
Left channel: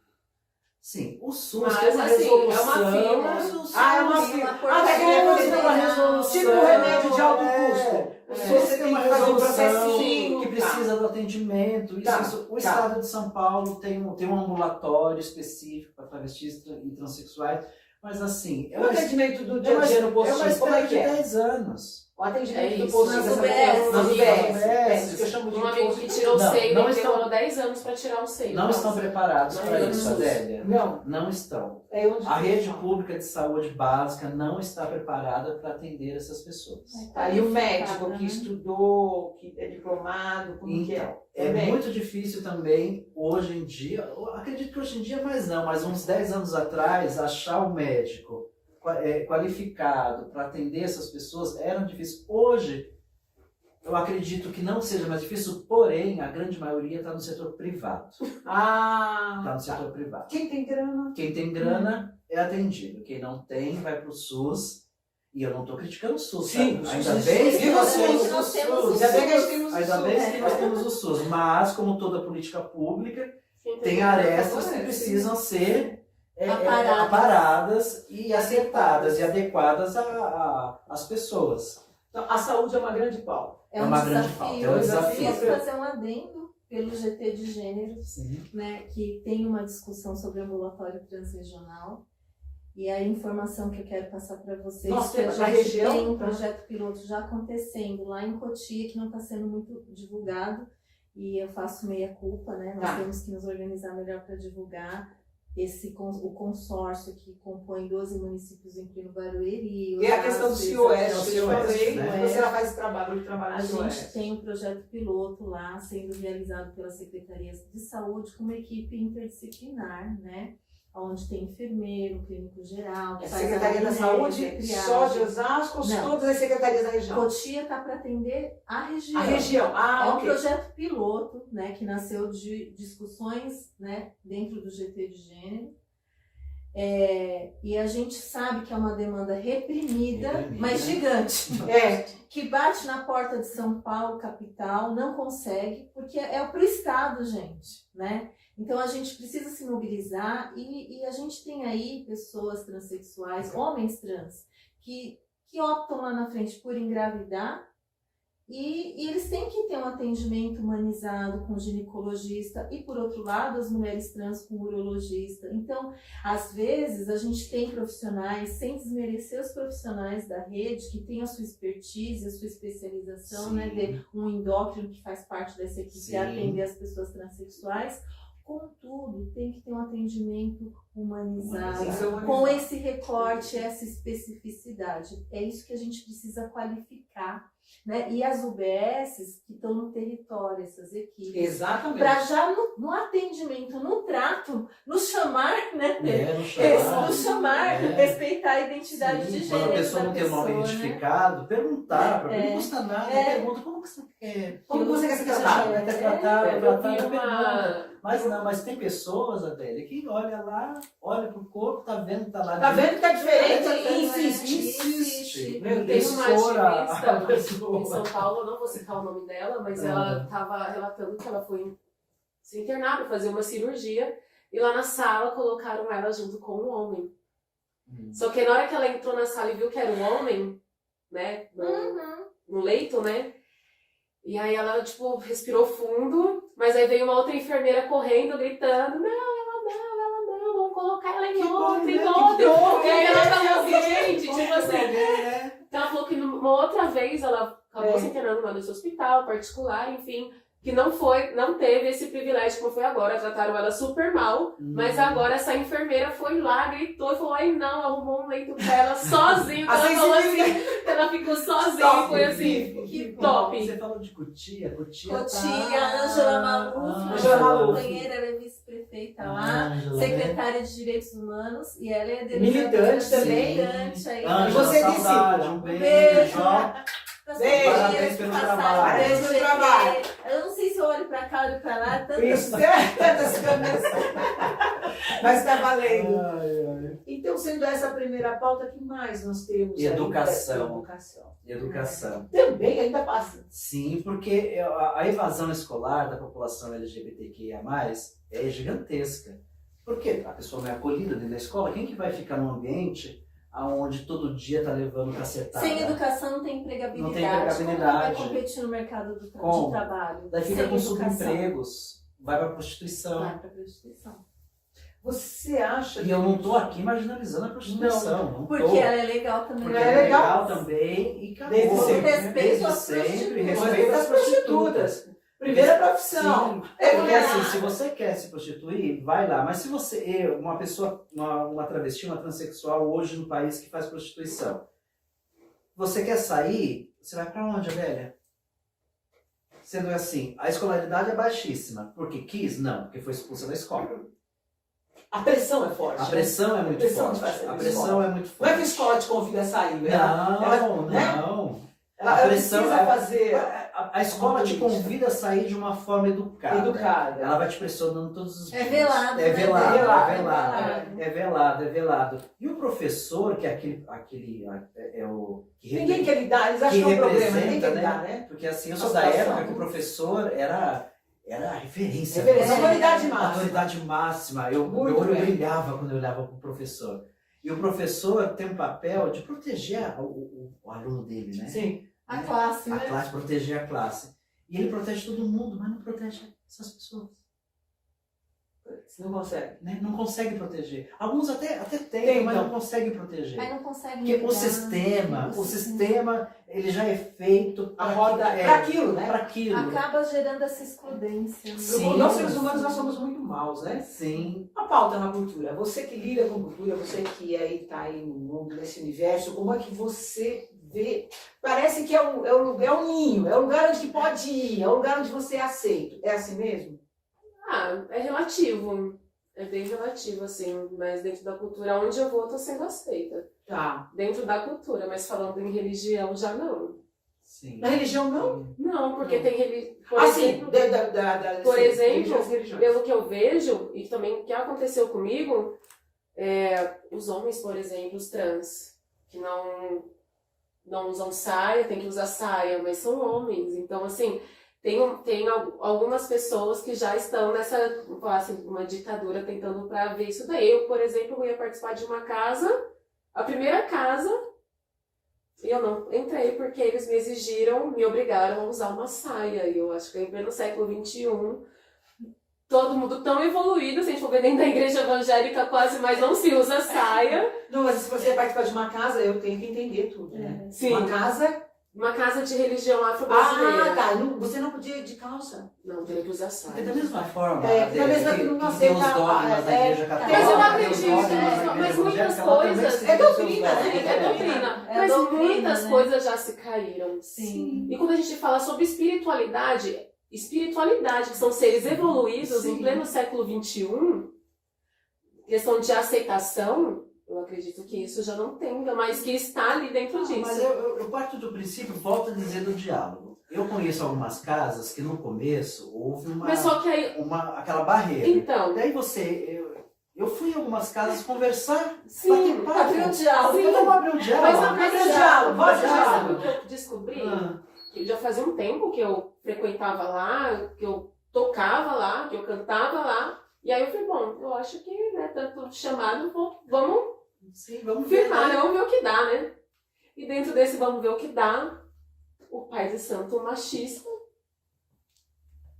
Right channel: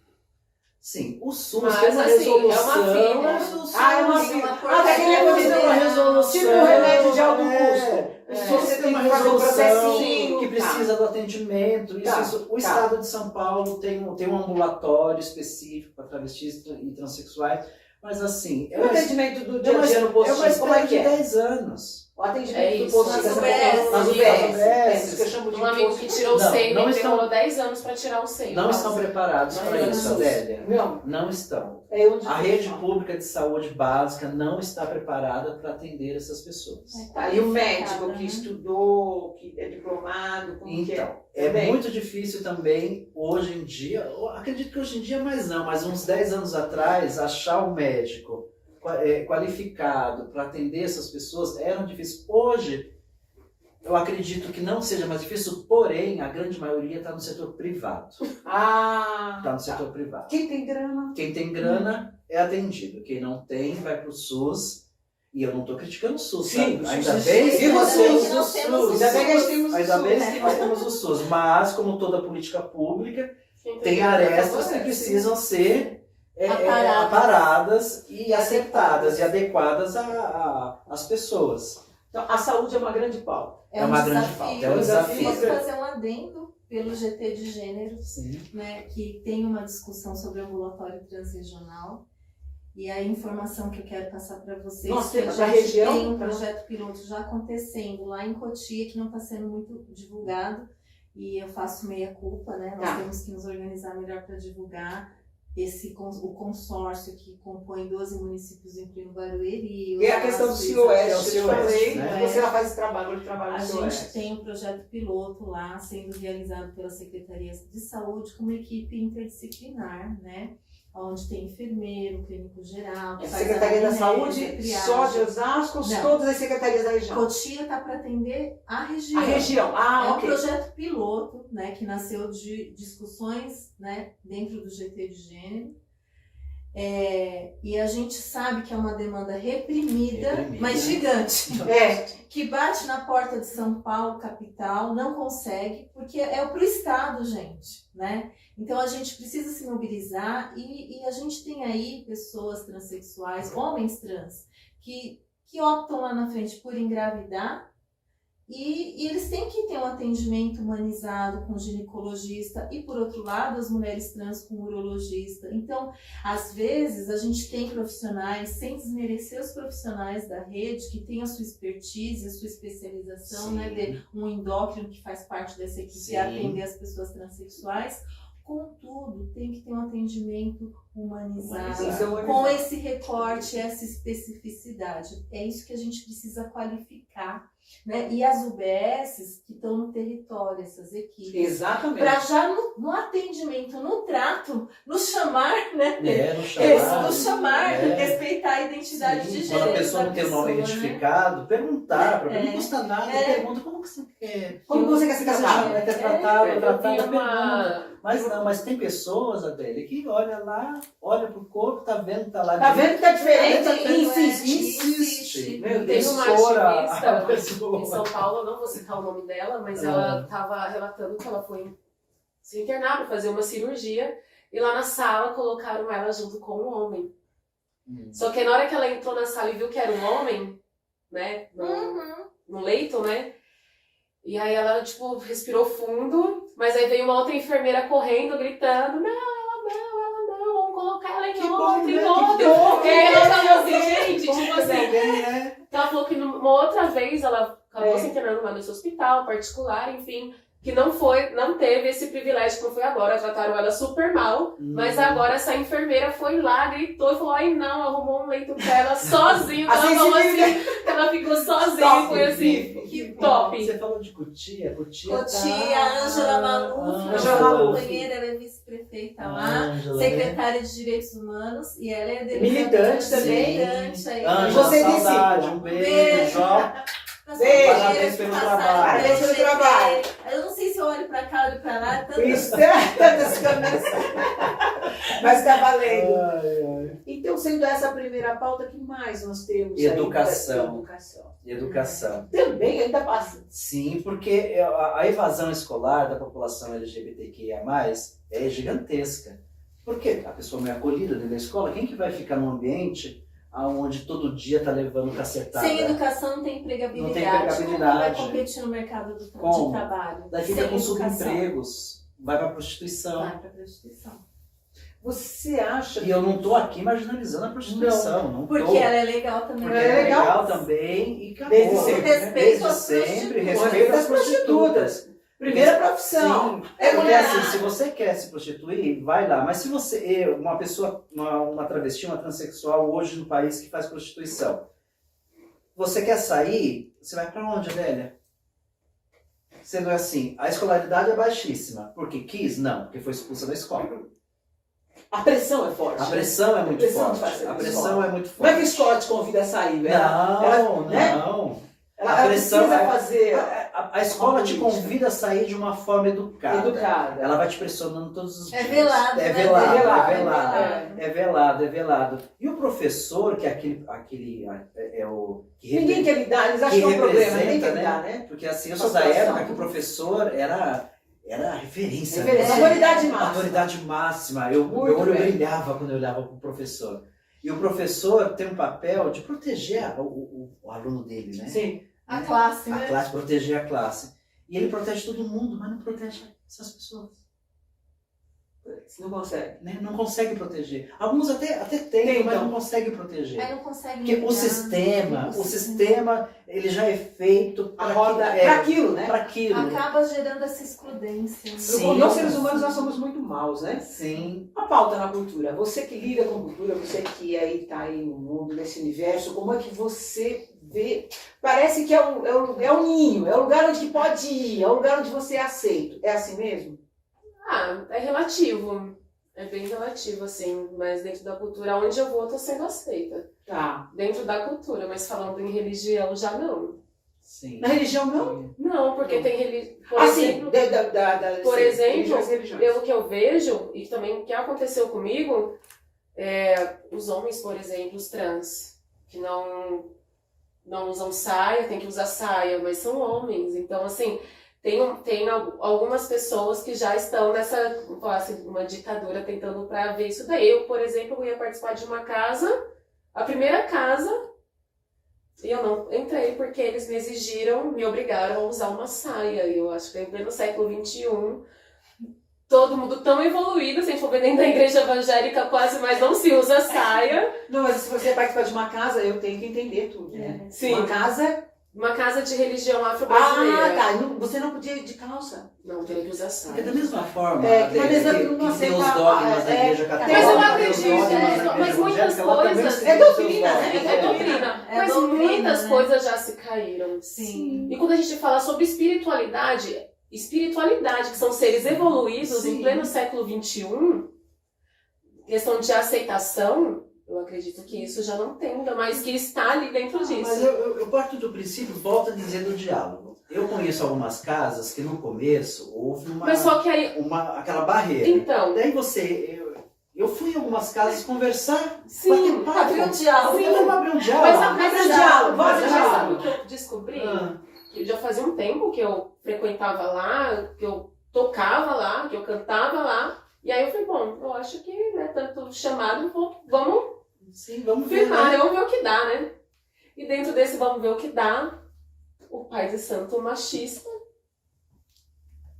Sim, o SUS Mas, tem uma assim, resolução. é uma fila. Mas o SUS É uma tem fila. portaria tem uma resolução. Tipo um remédio de alto custo. Você tem uma fazer um resolução processinho. que precisa do atendimento. Tá. O Estado de São Paulo tem um ambulatório específico para travestis e transexuais. Mas assim, O atendimento do dia a dia no é uma postinho, como é espera que de é? 10 anos. O atendimento É do isso, postinho nas dessa UBS. população, nas UBS. É isso que eu chamo de Um amigo que tirou o Não, seio, não ele estão- demorou 10 anos para tirar o seio. Não estão preparados Não para é isso, SUS. Adélia. Não, Não estão. é onde A rede pública de saúde básica não está preparada para atender essas pessoas. Aí o médico que estudou, que é diplomado, como que é? Então, é Também. muito difícil também, hoje em dia, eu acredito que hoje em dia mais não, mas uns 10 anos atrás, achar um médico qualificado para atender essas pessoas era difícil. Hoje, eu acredito que não seja mais difícil, porém, a grande maioria está no setor privado. Está no setor privado. Quem tem grana? Quem tem grana é atendido. Quem não tem, vai para o SUS. E eu não estou criticando o SUS, Sim, tá? o Ainda SUS. bem que Viva nós o temos SUS, o nós temos o SUS. Ainda bem que a gente temos o Ainda SUS. bem que nós temos o SUS. Mas, como toda política pública, tem arestas que precisam ser aparadas e acertadas e adequadas às pessoas. Então, a saúde é uma grande pauta. É uma grande pauta, é um desafio. Posso fazer um adendo pelo GT de Gênero, Sim. né, que tem uma discussão sobre ambulatório transregional. E a informação que eu quero passar para vocês, Nós que a temos na gente região, tem um tá? projeto piloto já acontecendo lá em Cotia, que não está sendo muito divulgado, e eu faço meia culpa, né? Nós Tá. temos que nos organizar melhor para divulgar o consórcio que compõe 12 municípios, incluindo Barueri. E a questão do Osasco, CIOeste, eu te falei, né? você ela faz esse trabalho, ele trabalha a no gente CIOeste. tem um projeto piloto lá, sendo realizado pela Secretaria de Saúde, com uma equipe interdisciplinar, né? Onde tem enfermeiro, clínico geral, que A faz Secretaria da anamnese, Saúde, triagem. só de Osasco, Não. todas as secretarias da região. Cotia está para atender a região. A região, É um ok. projeto piloto, né, que nasceu de discussões, né, dentro do GT de Gênero. E a gente sabe que é uma demanda reprimida, mas gigante. É, Que bate na porta de São Paulo, capital, não consegue, porque é para o Estado, gente, né? Então a gente precisa se mobilizar e a gente tem aí pessoas transexuais, homens trans, que optam lá na frente por engravidar e eles têm que ter um atendimento humanizado com ginecologista e, por outro lado, as mulheres trans com urologista. Então, às vezes, a gente tem profissionais, sem desmerecer os profissionais da rede, que têm a sua expertise, a sua especialização, Sim. né, de um endócrino que faz parte dessa equipe Sim. a atender as pessoas transexuais. Contudo, tem que ter um atendimento humanizado, Tem que ser humanizado. com esse recorte, essa especificidade. É isso que a gente precisa qualificar. né? E as UBSs que estão no território, essas equipes. Exatamente. Para já no atendimento, no trato, nos chamar, né? Nos chamar. Respeitar a identidade de gênero. Quando a pessoa não tem o nome identificado, perguntar, para mim não custa nada, pergunta como que você quer. Como você quer ser tratado? Quer tratado, Eu vi pergunta. Mas tem pessoas, Adélia, que olha lá, olha pro corpo, tá vendo que tá lá. Tá vendo que tá diferente? Tá vendo? Insiste. Meu Tem Deus, uma fora ativista a pessoa. em São Paulo, eu não vou citar o nome dela, mas ela estava relatando que ela foi se internar para fazer uma cirurgia e lá na sala colocaram ela junto com um homem. Só que na hora que ela entrou na sala e viu que era um homem, né, no leito, né, e aí ela, tipo, respirou fundo, mas aí veio uma outra enfermeira correndo, gritando, ela não, vamos colocar ela em outra. E aí ela falou assim, gente, tipo assim, ela falou que uma outra vez ela acabou se internando lá nesse hospital particular, enfim, que não teve esse privilégio como foi agora, trataram ela super mal, mas agora essa enfermeira foi lá, gritou e falou, ai não, arrumou um leito pra ela sozinha, ela falou assim, ela ficou sozinha, foi assim, que top. Você falou de Cotia, a Ângela Maluf, companheira, vice-prefeita lá, secretária de Direitos Humanos, e ela é militante também. Ângela, Você disse, saudade, um beijo. Parabéns pelo trabalho. Parabéns pelo trabalho. Eu não sei se eu olho pra cá, olho pra lá, tantas câmeras. Mas tá valendo. Então, sendo essa a primeira pauta, o que mais nós temos? Educação. Educação. Também ainda passa. Sim, porque a evasão escolar da população LGBTQIA+, é gigantesca. Porque a pessoa não é acolhida dentro da escola, quem que vai ficar num ambiente onde todo dia tá levando cacetada? Sem educação não tem empregabilidade. Não tem empregabilidade. Como vai competir no mercado de trabalho? Daí fica com subempregos, vai pra prostituição. Você acha E eu não tô aqui marginalizando a prostituição. Não porque tô. ela é legal também. Porque ela é legal também e acabou. Desde sempre. Respeito às prostitutas. Primeira profissão. Sim, porque assim, se você quer se prostituir, vai lá. Mas se você, uma pessoa, uma travesti, uma transexual hoje no país que faz prostituição, você quer sair, você vai pra onde, velha? Sendo assim, a escolaridade é baixíssima. Porque quis? Não, porque foi expulsa da escola. A pressão é forte. A pressão é muito forte. A pressão é muito forte. Não é que a escola te convida a sair, velho. Não. Ela precisa fazer. A escola te convida a sair de uma forma educada. Ela vai te pressionando todos os dias. É velado. É velado. E o professor, que é aquele ninguém quer lidar, eles acham que é um problema, ninguém quer né? lidar, né? Porque assim, eu sou da época que o professor era a referência. Autoridade máxima. Meu olho brilhava quando eu olhava para o professor. E o professor tem um papel de proteger o aluno dele, né? Sim. A classe, né? A classe, proteger a classe. E ele protege todo mundo, mas não protege essas pessoas. Não consegue. Né? Não consegue proteger. Alguns até tem, mas não consegue proteger. Mas não consegue. Porque o sistema, ele já é feito para aquilo, né? Para aquilo. Acaba gerando essa excludência. Sim. Nós seres humanos, nós somos muito maus, né? Sim. A pauta na cultura. Você que lida com cultura, você que aí tá aí no mundo, nesse universo, como é que você vê? Parece que é um ninho, é o lugar onde pode ir, é o lugar onde você é aceito. É assim mesmo? É relativo. É bem relativo, assim. Mas dentro da cultura, onde eu vou, eu tô sendo aceita. Tá. Dentro da cultura, mas falando em religião, já não. Sim. Na religião, não? Não, porque tem religião... Por exemplo, pelo que eu vejo, e também o que aconteceu comigo, os homens, por exemplo, os trans, que não usam saia, tem que usar saia, mas são homens. Então, assim... Tem algumas pessoas que já estão nessa, assim, uma ditadura tentando para ver isso daí. Eu, por exemplo, ia participar de uma casa, a primeira casa, e eu não entrei porque eles me obrigaram a usar uma saia. E eu acho que no século XXI, todo mundo tão evoluído, se a gente for ver dentro da igreja evangélica quase, mas não se usa saia. Não, mas se você participar de uma casa, eu tenho que entender tudo, né? Sim. Uma casa Uma casa de religião afro-brasileira. Ah, tá. Você não podia ir de calça. Não, teria que usar Porque da saia. mesma forma, É, da mesma que não tem aceita- os dogmas da igreja católica, Mas eu tem os acredito, dogmas da igreja mas muitas evangélica, ela também coisas- segue É os seus doutrina, né? dogmas. É doutrina. É Mas doutrina, muitas né? coisas já se caíram. Sim. E quando a gente fala sobre espiritualidade, que são seres evoluídos Sim. em pleno século XXI, questão de aceitação, eu acredito que isso já não tenha, mas que está ali dentro disso. Mas eu parto do princípio, volto a dizer, do diálogo. Eu conheço algumas casas que no começo houve Mas só que aí, aquela barreira. então, Daí eu fui em algumas casas conversar, sim, bater papo. Abrir um diálogo. Sim, vamos abrir um mas diálogo. Abre o diálogo, mas abre o sabe diálogo. o que eu descobri? Ah, Que já fazia um tempo que eu frequentava lá, que eu tocava lá, que eu cantava lá. E aí eu falei, bom, eu acho que, né, tanto chamado, vamos sim, vamos ver. firmar, Né? né? Vamos ver o que dá, né? E dentro desse vamos ver o que dá, o pai de santo machista,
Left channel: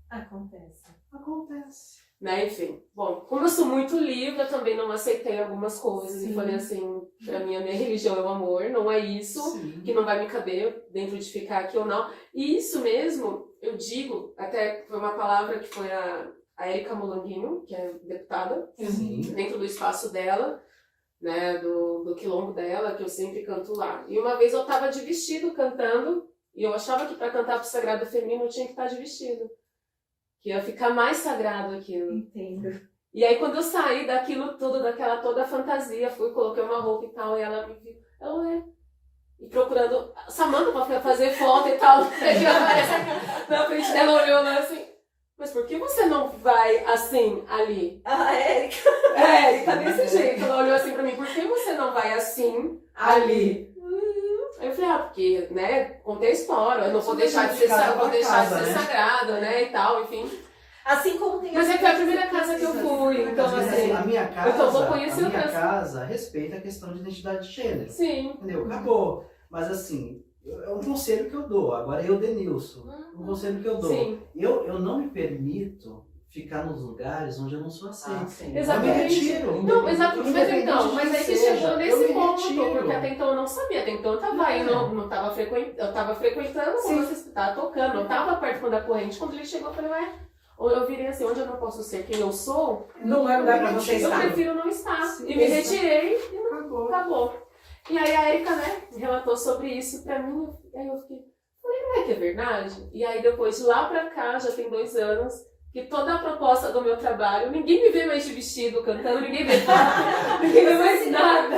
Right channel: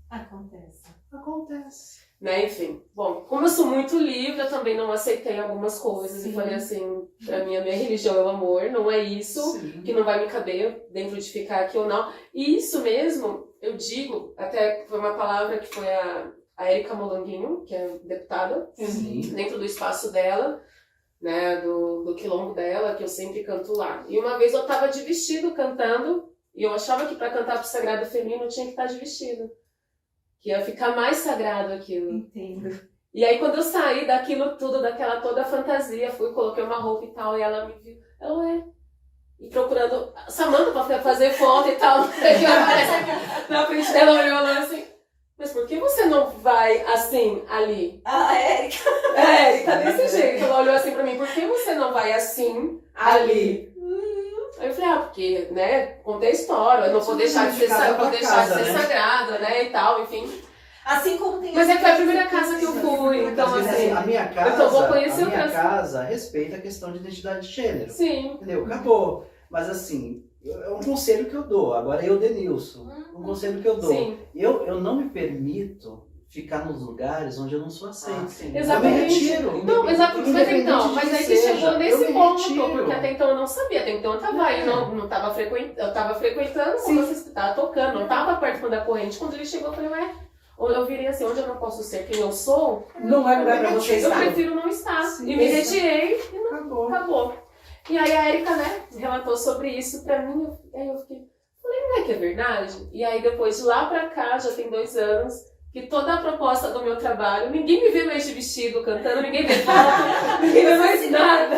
Acontece. Acontece. né? Enfim, bom, como eu sou muito livre, eu também não aceitei algumas coisas. Sim. E falei assim, pra mim, a minha religião é o amor, não é isso. Sim. Que não vai me caber dentro de ficar aqui ou não. E isso mesmo, eu digo, até foi uma palavra que foi a Érica Molanguinho, que é deputada, Sim. dentro do espaço dela, né, do quilombo dela, que eu sempre canto lá. E uma vez eu tava de vestido cantando, e eu achava que para cantar pro Sagrado Feminino eu tinha que estar de vestido. Que ia ficar mais sagrado aquilo. Entendo. E aí quando eu saí daquilo tudo, daquela toda fantasia, fui, coloquei uma roupa e tal, e ela me viu, ela é. E procurando, Samanta pra fazer foto e tal, aí ela aparece na frente dela, olhou lá assim, mas por que você não vai assim, ali? A Érica. É, tá desse jeito. Ela olhou assim pra mim, por que você não vai assim, ali? Aí eu falei, porque, né, contei a história, eu não vou deixar de ser, vou deixar de ser sagrado, né, e tal, enfim. Assim como tem Mas as é que foi a primeira casa que eu fui, então Às vezes, assim, a minha casa, então vou conhecer a minha outras- casa respeita a questão de identidade de gênero. sim. Entendeu? Acabou. Mas assim, é um conselho que eu dou. Agora eu, Denilson, um conselho que eu dou. Sim, Eu não me permito ficar nos lugares onde eu não sou aceito. sim. exatamente. Eu me retiro. Não, mas Independente então, de mas quem aí que seja, chegou eu nesse me ponto, retiro. porque até então eu não sabia, até então eu tava aí, não tava frequentando, eu tava frequentando, como você tava tocando, não tava perto da corrente. Quando ele chegou, eu falei, ué, eu virei assim, onde eu não posso ser quem eu sou, Não é lugar pra você eu estar. prefiro não estar. Sim, E me isso. retirei, Acabou. acabou. E aí a Érica, né, relatou sobre isso pra mim, aí eu fiquei, falei, não é que é verdade? E aí depois de lá pra cá, já tem 2 anos, que toda a proposta do meu trabalho, ninguém me vê mais de vestido cantando, ninguém vê foto, ninguém vê mais nada.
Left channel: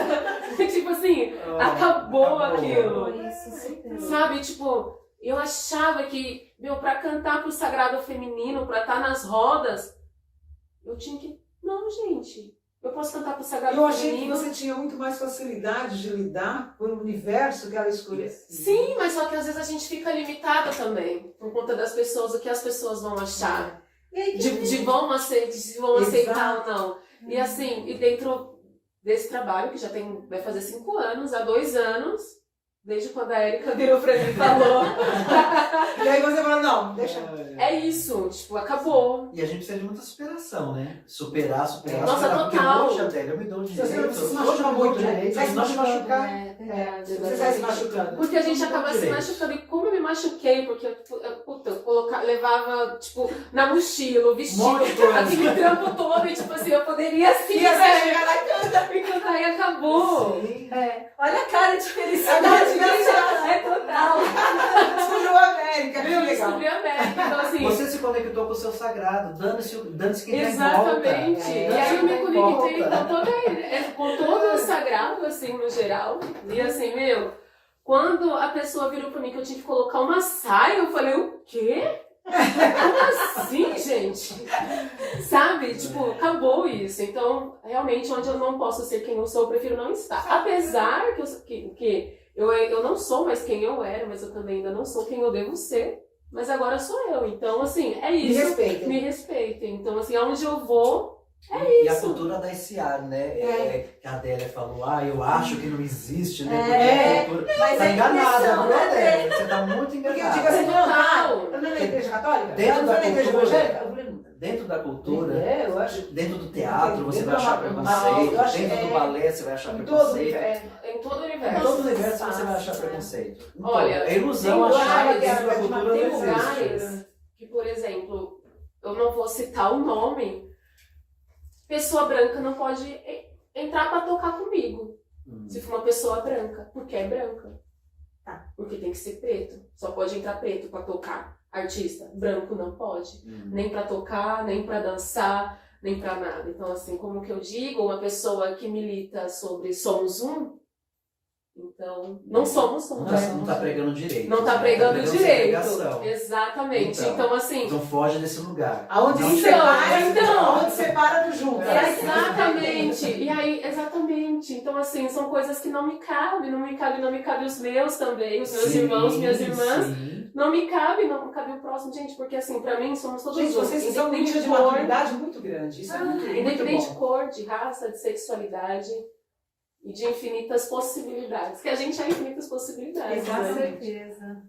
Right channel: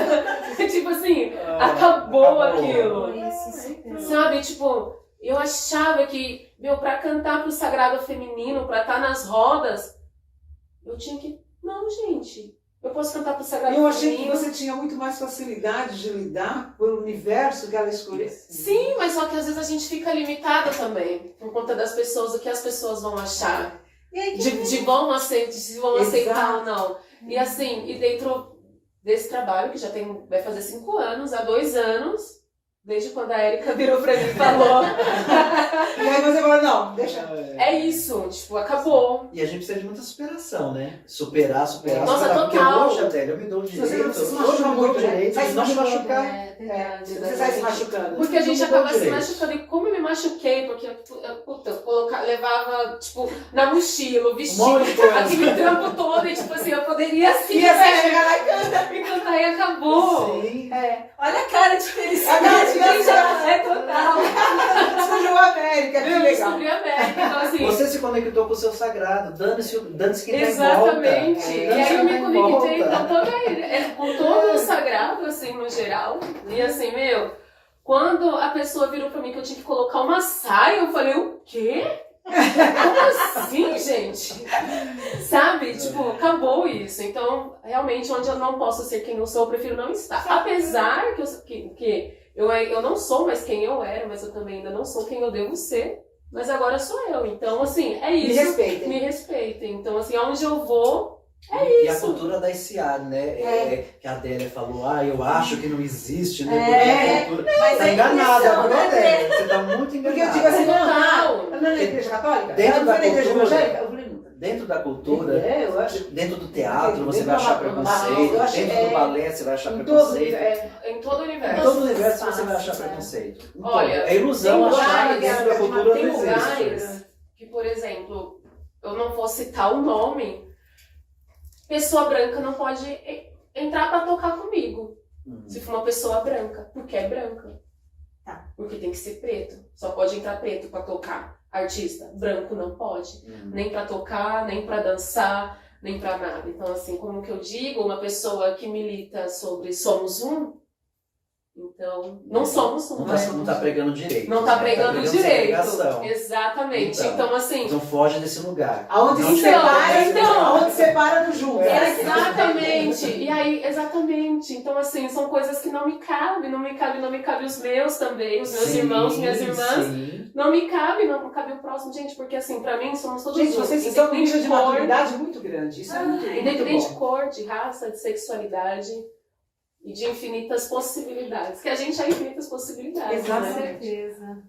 Tipo assim, acabou aquilo. Isso, super. Sabe, tipo, eu achava que, pra cantar pro Sagrado Feminino, pra estar nas rodas, eu tinha que, não, gente, eu posso cantar pro Sagrado Eu achei que Feminino. você tinha muito mais facilidade de lidar com o universo que ela escolheu. Sim, mas só que às vezes a gente fica limitado também, por conta das pessoas, o que as pessoas vão achar. E aí, De vão aceitar, se vão aceitar ou Exato. não. E assim, e dentro desse trabalho, que já vai fazer 5 anos, há 2 anos, desde quando a Érica virou pra mim e falou, E aí você falou, não, deixa. é isso, tipo, acabou. E a gente precisa de muita superação, né? Superar. Nossa, superar. Porque total. hoje, Adélia, eu me dou o Você direito. se Hoje machuca eu me dou o muito, né? direito Vai de se não me machucando. machucar. É verdade. Você sai se machucando. Porque a gente Não acaba tem se direito. machucando. E como eu me machuquei, porque eu levava, tipo, na mochila, o vestido, Um monte de coisa. aquele trampo todo, e tipo assim, eu poderia sim, E assim, né? chegar lá e cantar. E cantar e acabou. Sim. Olha a cara de A felicidade. cara de gente. felicidade. É total. Descobrimos a América, que Eu legal. descobri a América, então assim. Você se conectou com o seu sagrado, dane-se quem Exatamente. tá em E volta. aí eu me Dane-se quem tá em conectei volta. com todo o sagrado, assim, no geral. E assim, quando a pessoa virou pra mim que eu tinha que colocar uma saia, eu falei, o quê? Como assim, gente? Sabe? Tipo, acabou isso. Então, realmente, onde eu não posso ser quem eu sou, eu prefiro não estar. Apesar que eu não sou mais quem eu era, mas eu também ainda não sou quem eu devo ser. Mas agora sou eu. Então, assim, é Me isso. respeitem. Me respeitem. Então, assim, aonde eu vou, E a isso. cultura da SA, né? Que a Adélia falou, eu acho que não existe, né? É, Porque a cultura... mas Tá a enganada, intenção, viu, né, Adélia? Você tá muito Porque eu enganada. digo assim, não, Total. eu não é na igreja católica? Dentro eu da fui na igreja cultura. evangélica? Eu falei, dentro da cultura, eu acho. dentro do teatro você Dentro vai achar da- preconceito, eu acho dentro que do balé você vai achar Em todo, preconceito. Em todo o universo. Em todo o universo você vai Espaço, achar né? preconceito. Então, Olha, é ilusão tem achar que lugares- dentro da cultura Tem não existe. lugares que, por exemplo, eu não vou citar o nome, pessoa branca não pode entrar pra tocar comigo. Se for uma pessoa branca, porque é branca. Porque tem que ser preto. Só pode entrar preto pra tocar. Artista branco não pode. Nem pra tocar, nem pra dançar, nem pra nada. Então, assim, como que eu digo, uma pessoa que milita sobre somos um, então, não somos um. Não tá pregando direito. Não tá né? pregando direito. segregação. Exatamente. Então, assim, Então foge desse lugar. Aonde Não se tem- separa, então. aonde separa do junto. exatamente. E aí, exatamente. Então, assim, são coisas que não me cabem, não me cabe os meus também, os meus Sim, irmãos, minhas irmãs. sim. Não me cabe, não cabe o próximo, gente, porque assim, pra mim somos todos Gente, um. vocês estão num nível de cor, maturidade muito grande. Isso é muito independente de bom. cor, de raça, de sexualidade e de infinitas possibilidades. Que a gente é infinitas possibilidades, Com Exatamente. né? certeza.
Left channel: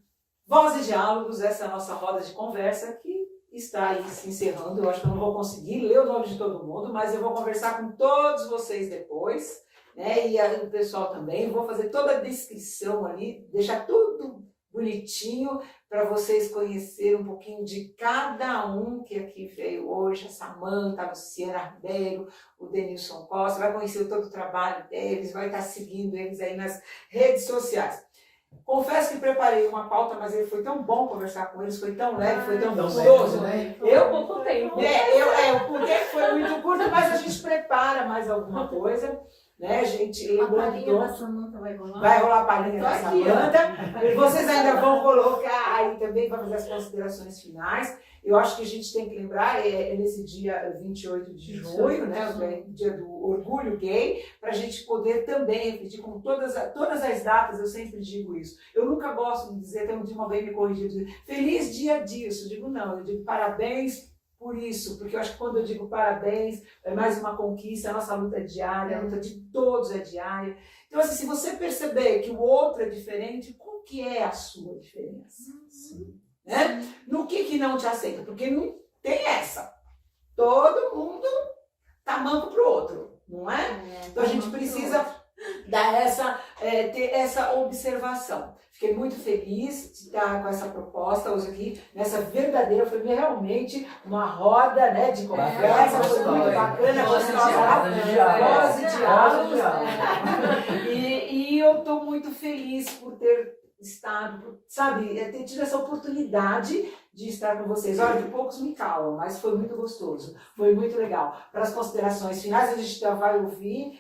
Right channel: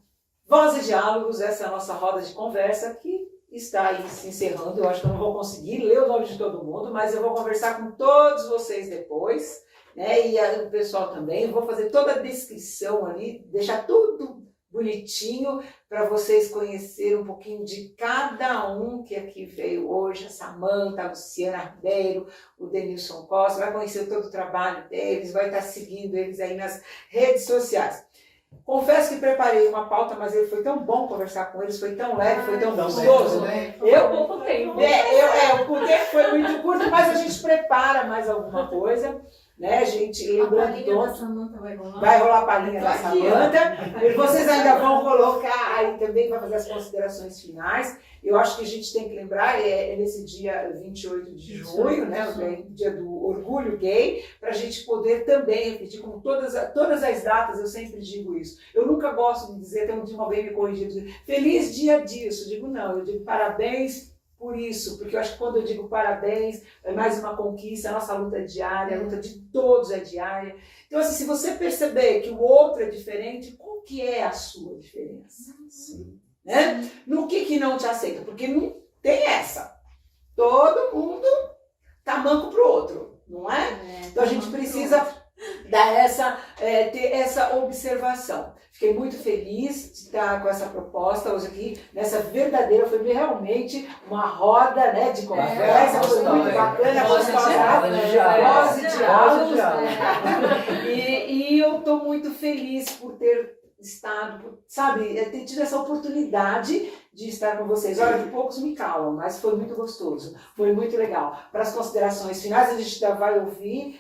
Voz e Diálogos, essa é a nossa roda de conversa que está aí se encerrando. Eu acho que eu não vou conseguir ler o nome de todo mundo, mas eu vou conversar com todos vocês depois, né? E aí o pessoal também. Eu vou fazer toda a descrição ali, deixar tudo bonitinho para vocês conhecerem um pouquinho de cada um que aqui veio hoje, a Samanta, a Luciana Ribeiro, o Denilson Costa, vai conhecer todo o trabalho deles, vai estar seguindo eles aí nas redes sociais. Confesso que preparei uma pauta, mas ele foi tão bom conversar com eles, foi tão leve, foi tão Tão gostoso. leve, Eu pouco tempo. o tempo foi muito curto, mas a gente prepara mais alguma coisa, né? A gente A lembrando palhinha da Samanta vai rolar? vai rolar a palhinha Tô da aqui, ó. Samanta. E vocês ainda vão colocar aí também para fazer as considerações finais. Eu acho que a gente tem que lembrar, é nesse dia 28 de junho, né, o dia do orgulho gay, para a gente poder também repetir com todas as datas, eu sempre digo isso. Eu nunca gosto de dizer, tem um dia alguém me corrigiu, dizer, feliz dia disso. Eu digo não, eu digo parabéns por isso, porque eu acho que quando eu digo parabéns, é mais uma conquista, a nossa luta é diária, a luta de todos é diária. Então, assim, se você perceber que o outro é diferente, qual que é a sua diferença? Né? No que não te aceita? Porque não tem essa. Todo mundo tá manco pro outro, não é? Então a gente precisa dar ter essa observação. Fiquei muito feliz de estar com essa proposta hoje aqui, nessa verdadeira, foi realmente uma roda, né, de conversa, foi muito bacana, Voz e diálogos. diálogos. E eu estou muito feliz por ter estado, sabe, ter tido essa oportunidade de estar com vocês. Olha, que poucos me calam, mas foi muito gostoso, foi muito legal. Para as considerações finais, a gente já vai ouvir,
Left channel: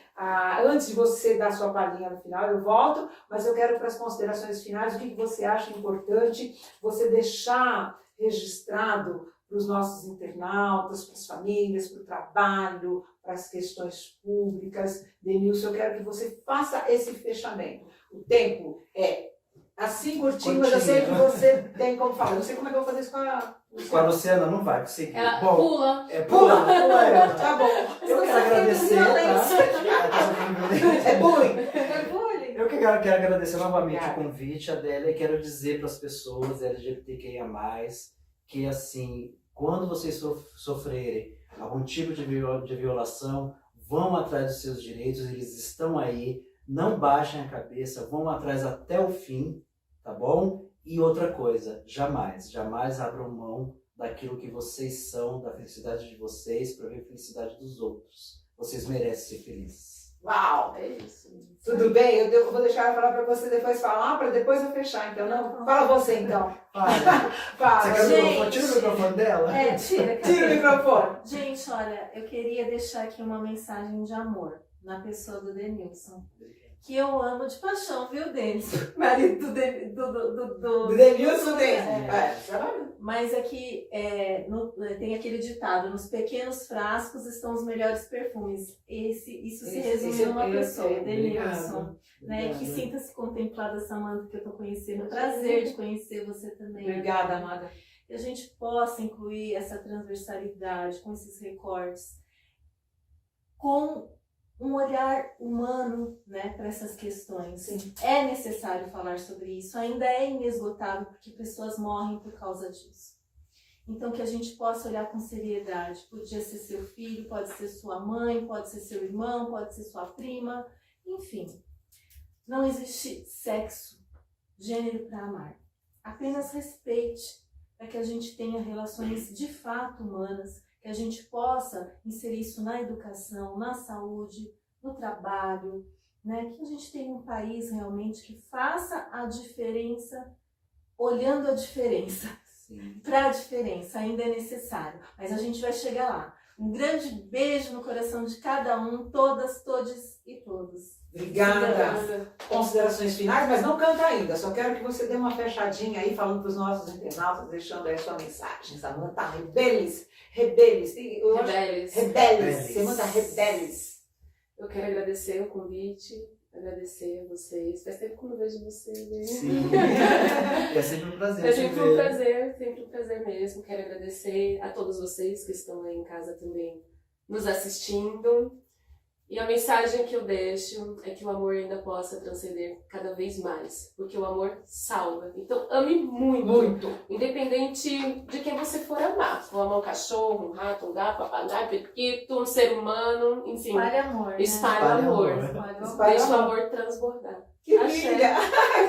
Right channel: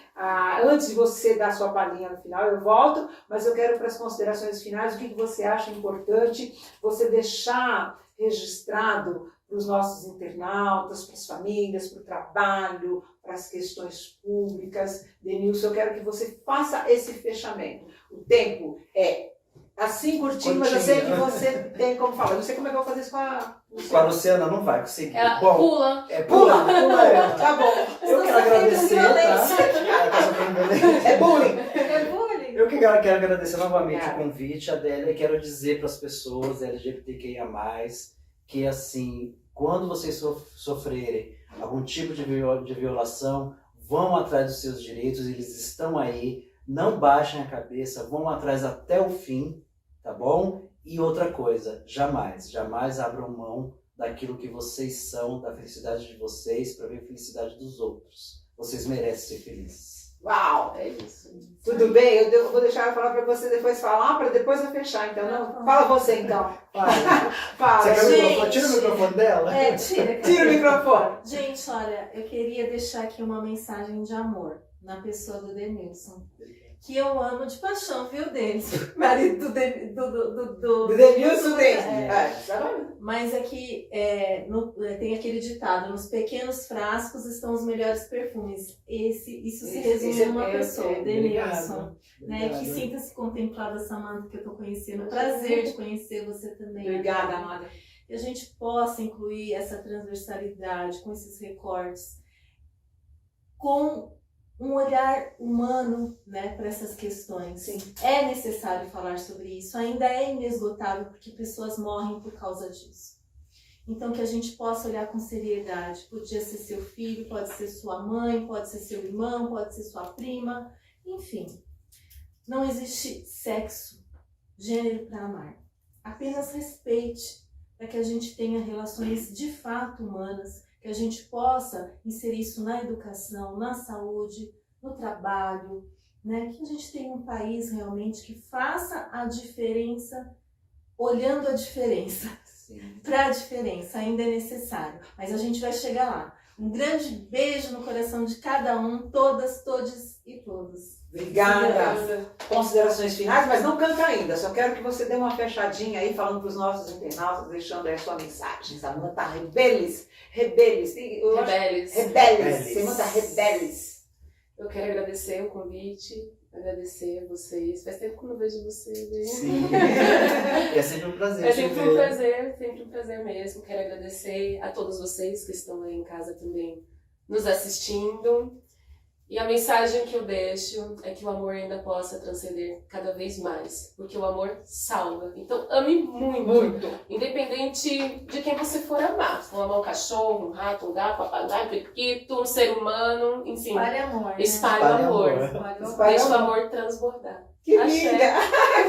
antes de você dar sua palhinha no final, eu volto, mas eu quero para as considerações finais, o que você acha importante você deixar registrado para os nossos internautas, para as famílias, para o trabalho, para as questões públicas. Denilson, eu quero que você faça esse fechamento. O tempo é assim curtinho, mas eu sei que você tem como falar. Eu não sei como é que eu vou fazer isso com a Com a Luciana não vai conseguir. Ela Bom, pula. pula. Tá bom. Eu quero agradecer, tá? Ela tá sofrendo violência. É bullying. É bullying. Eu quero agradecer novamente Obrigada. o convite, Adélia, e quero dizer para as pessoas LGBTQIA+, que assim, quando vocês sofrerem algum tipo de violação, vão atrás dos seus direitos, eles estão aí, não baixem a cabeça, vão atrás até o fim, tá bom? E outra coisa, jamais abram mão daquilo que vocês são, da felicidade de vocês, para ver a felicidade dos outros. Vocês merecem ser felizes. Uau! É isso. Tudo bem, eu vou deixar ela falar para você depois falar, para depois eu fechar, então. Não, fala você, então. Fala. Você quer o Gente. microfone? Tira o microfone dela. Tira. Tira o microfone. Gente, olha, eu queria deixar aqui uma mensagem de amor na pessoa do Denilson. Que eu amo de paixão, viu, Denilson? Marido do Do Denilson tem. É. Mas é que tem aquele ditado, nos pequenos frascos estão os melhores perfumes. Isso se resume a uma pessoa, o Denilson. Né? Que sinta-se contemplada, Samanta, que eu estou conhecendo. Prazer de conhecer você também. Obrigada, amada. Que a gente possa incluir essa transversalidade com esses recortes, com um olhar humano, né, para essas questões. Sim. É necessário falar sobre isso, ainda é inesgotável porque pessoas morrem por causa disso. Então, que a gente possa olhar com seriedade. Podia ser seu filho, pode ser sua mãe, pode ser seu irmão, pode ser sua prima, enfim. Não existe sexo, gênero para amar. Apenas respeite, para que a gente tenha relações de fato humanas, que a gente possa inserir isso na educação, na saúde, no trabalho, né? Que a gente tenha um país realmente que faça a diferença, olhando a diferença. Para a diferença, ainda é necessário, mas a gente vai chegar lá. Um grande beijo no coração de cada um, todas, todes e todos. Obrigada. Considerações finais, mas não canta ainda. Só quero que você dê uma fechadinha aí, falando para os nossos internautas, deixando aí a sua mensagem. Samanta Rebeles. Rebeles. Rebeles. Samanta Rebeles. Eu quero agradecer o convite, agradecer a vocês. Faz tempo que eu não vejo vocês, né? Sim. É sempre um prazer. É sempre um prazer mesmo. Quero agradecer a todos vocês que estão aí em casa também nos assistindo. E a mensagem que eu deixo é que o amor ainda possa transcender cada vez mais, porque o amor salva. Então ame muito, independente de quem você for amar. Se for amar um cachorro, um rato, um gato, um papagaio, um periquito, um ser humano, enfim. Espalhe amor, né? Espalhe o amor. Deixe o amor transbordar. Que Axé. linda!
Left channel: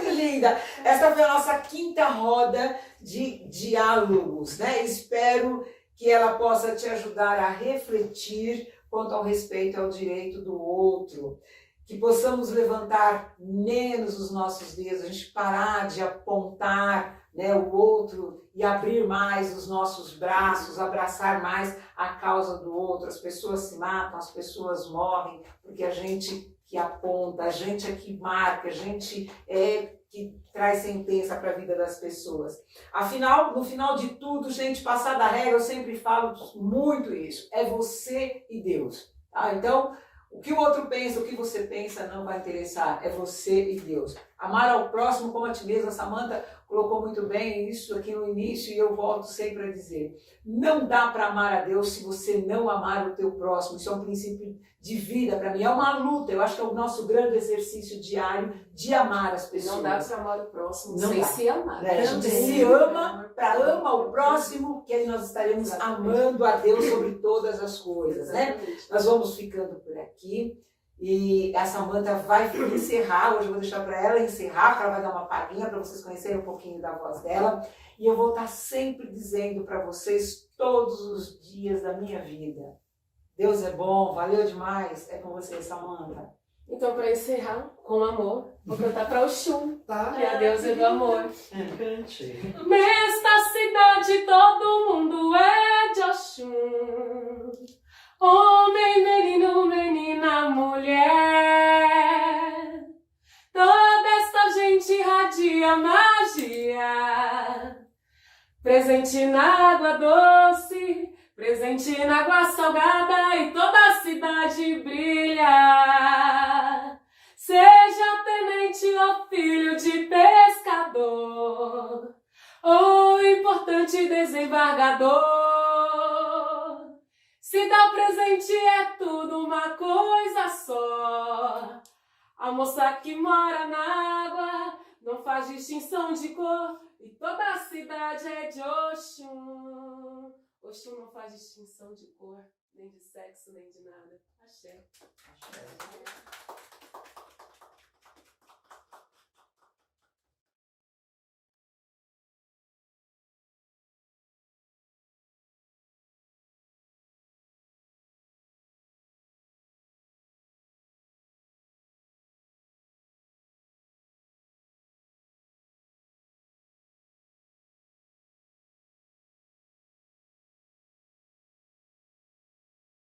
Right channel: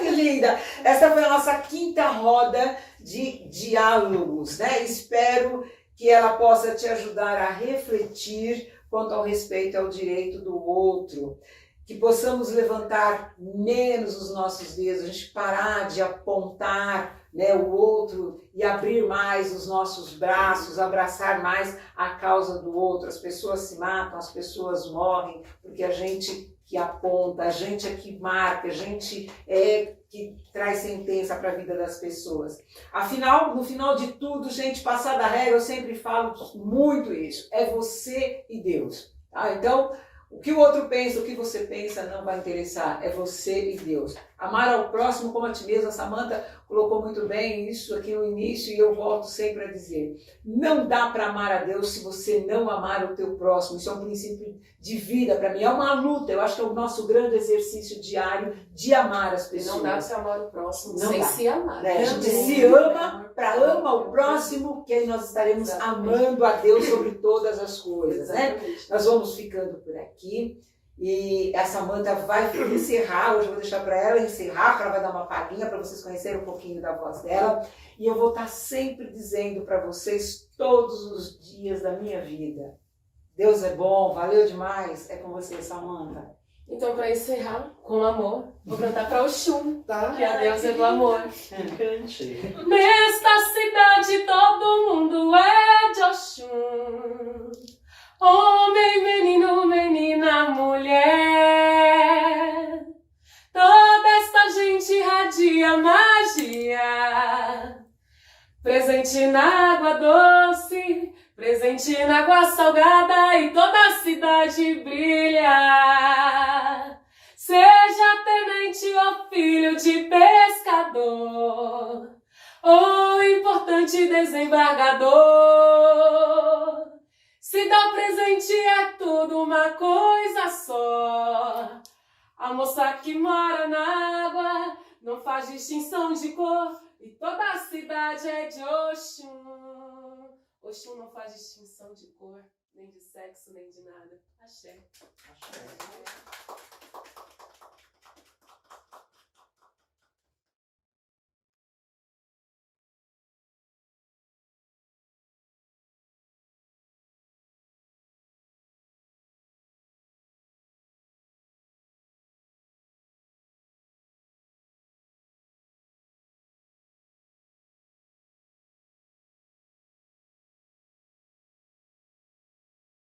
Que linda! Essa foi a nossa quinta roda de diálogos, né? Espero que ela possa te ajudar a refletir quanto ao respeito ao direito do outro, que possamos levantar menos os nossos dedos, a gente parar de apontar, né, o outro e abrir mais os nossos braços, abraçar mais a causa do outro. As pessoas se matam, as pessoas morrem, porque a gente que aponta, a gente é que marca, a gente é que traz sentença para a vida das pessoas. Afinal, no final de tudo, gente, passada a regra, eu sempre falo muito isso, é você e Deus. Tá? Então, o que o outro pensa, o que você pensa, não vai interessar, é você e Deus. Amar ao próximo como a ti mesmo, a Samanta colocou muito bem isso aqui no início e eu volto sempre a dizer, não dá para amar a Deus se você não amar o teu próximo, isso é um princípio de vida para mim, é uma luta, eu acho que é o nosso grande exercício diário de amar as pessoas. Não dá para se amar o próximo Não sem dá. se amar. Né? A gente se ama para ama o próximo, que aí nós estaremos amando a Deus sobre todas as coisas, né? Nós vamos ficando por aqui. E a Samanta vai encerrar, hoje eu vou deixar para ela encerrar, porque ela vai dar uma palhinha para vocês conhecerem um pouquinho da voz dela. E eu vou estar sempre dizendo para vocês todos os dias da minha vida. Deus é bom, valeu demais. É com você, Samanta. Então, para encerrar com amor, vou cantar para Oxum, Tá. que a deusa do amor. Cante. Nesta cidade todo mundo é de Oxum. Homem, menino, menina, mulher. Toda esta gente irradia magia. Presente na água doce, presente na água salgada e toda a cidade brilha. Seja tenente ou filho de pescador, ou importante desembargador. Se dar presente é tudo uma coisa só. A moça que mora na água não faz distinção de cor e toda a cidade é de Oxum. Oxum não faz distinção de cor, nem de sexo, nem de nada. Axé. Axé.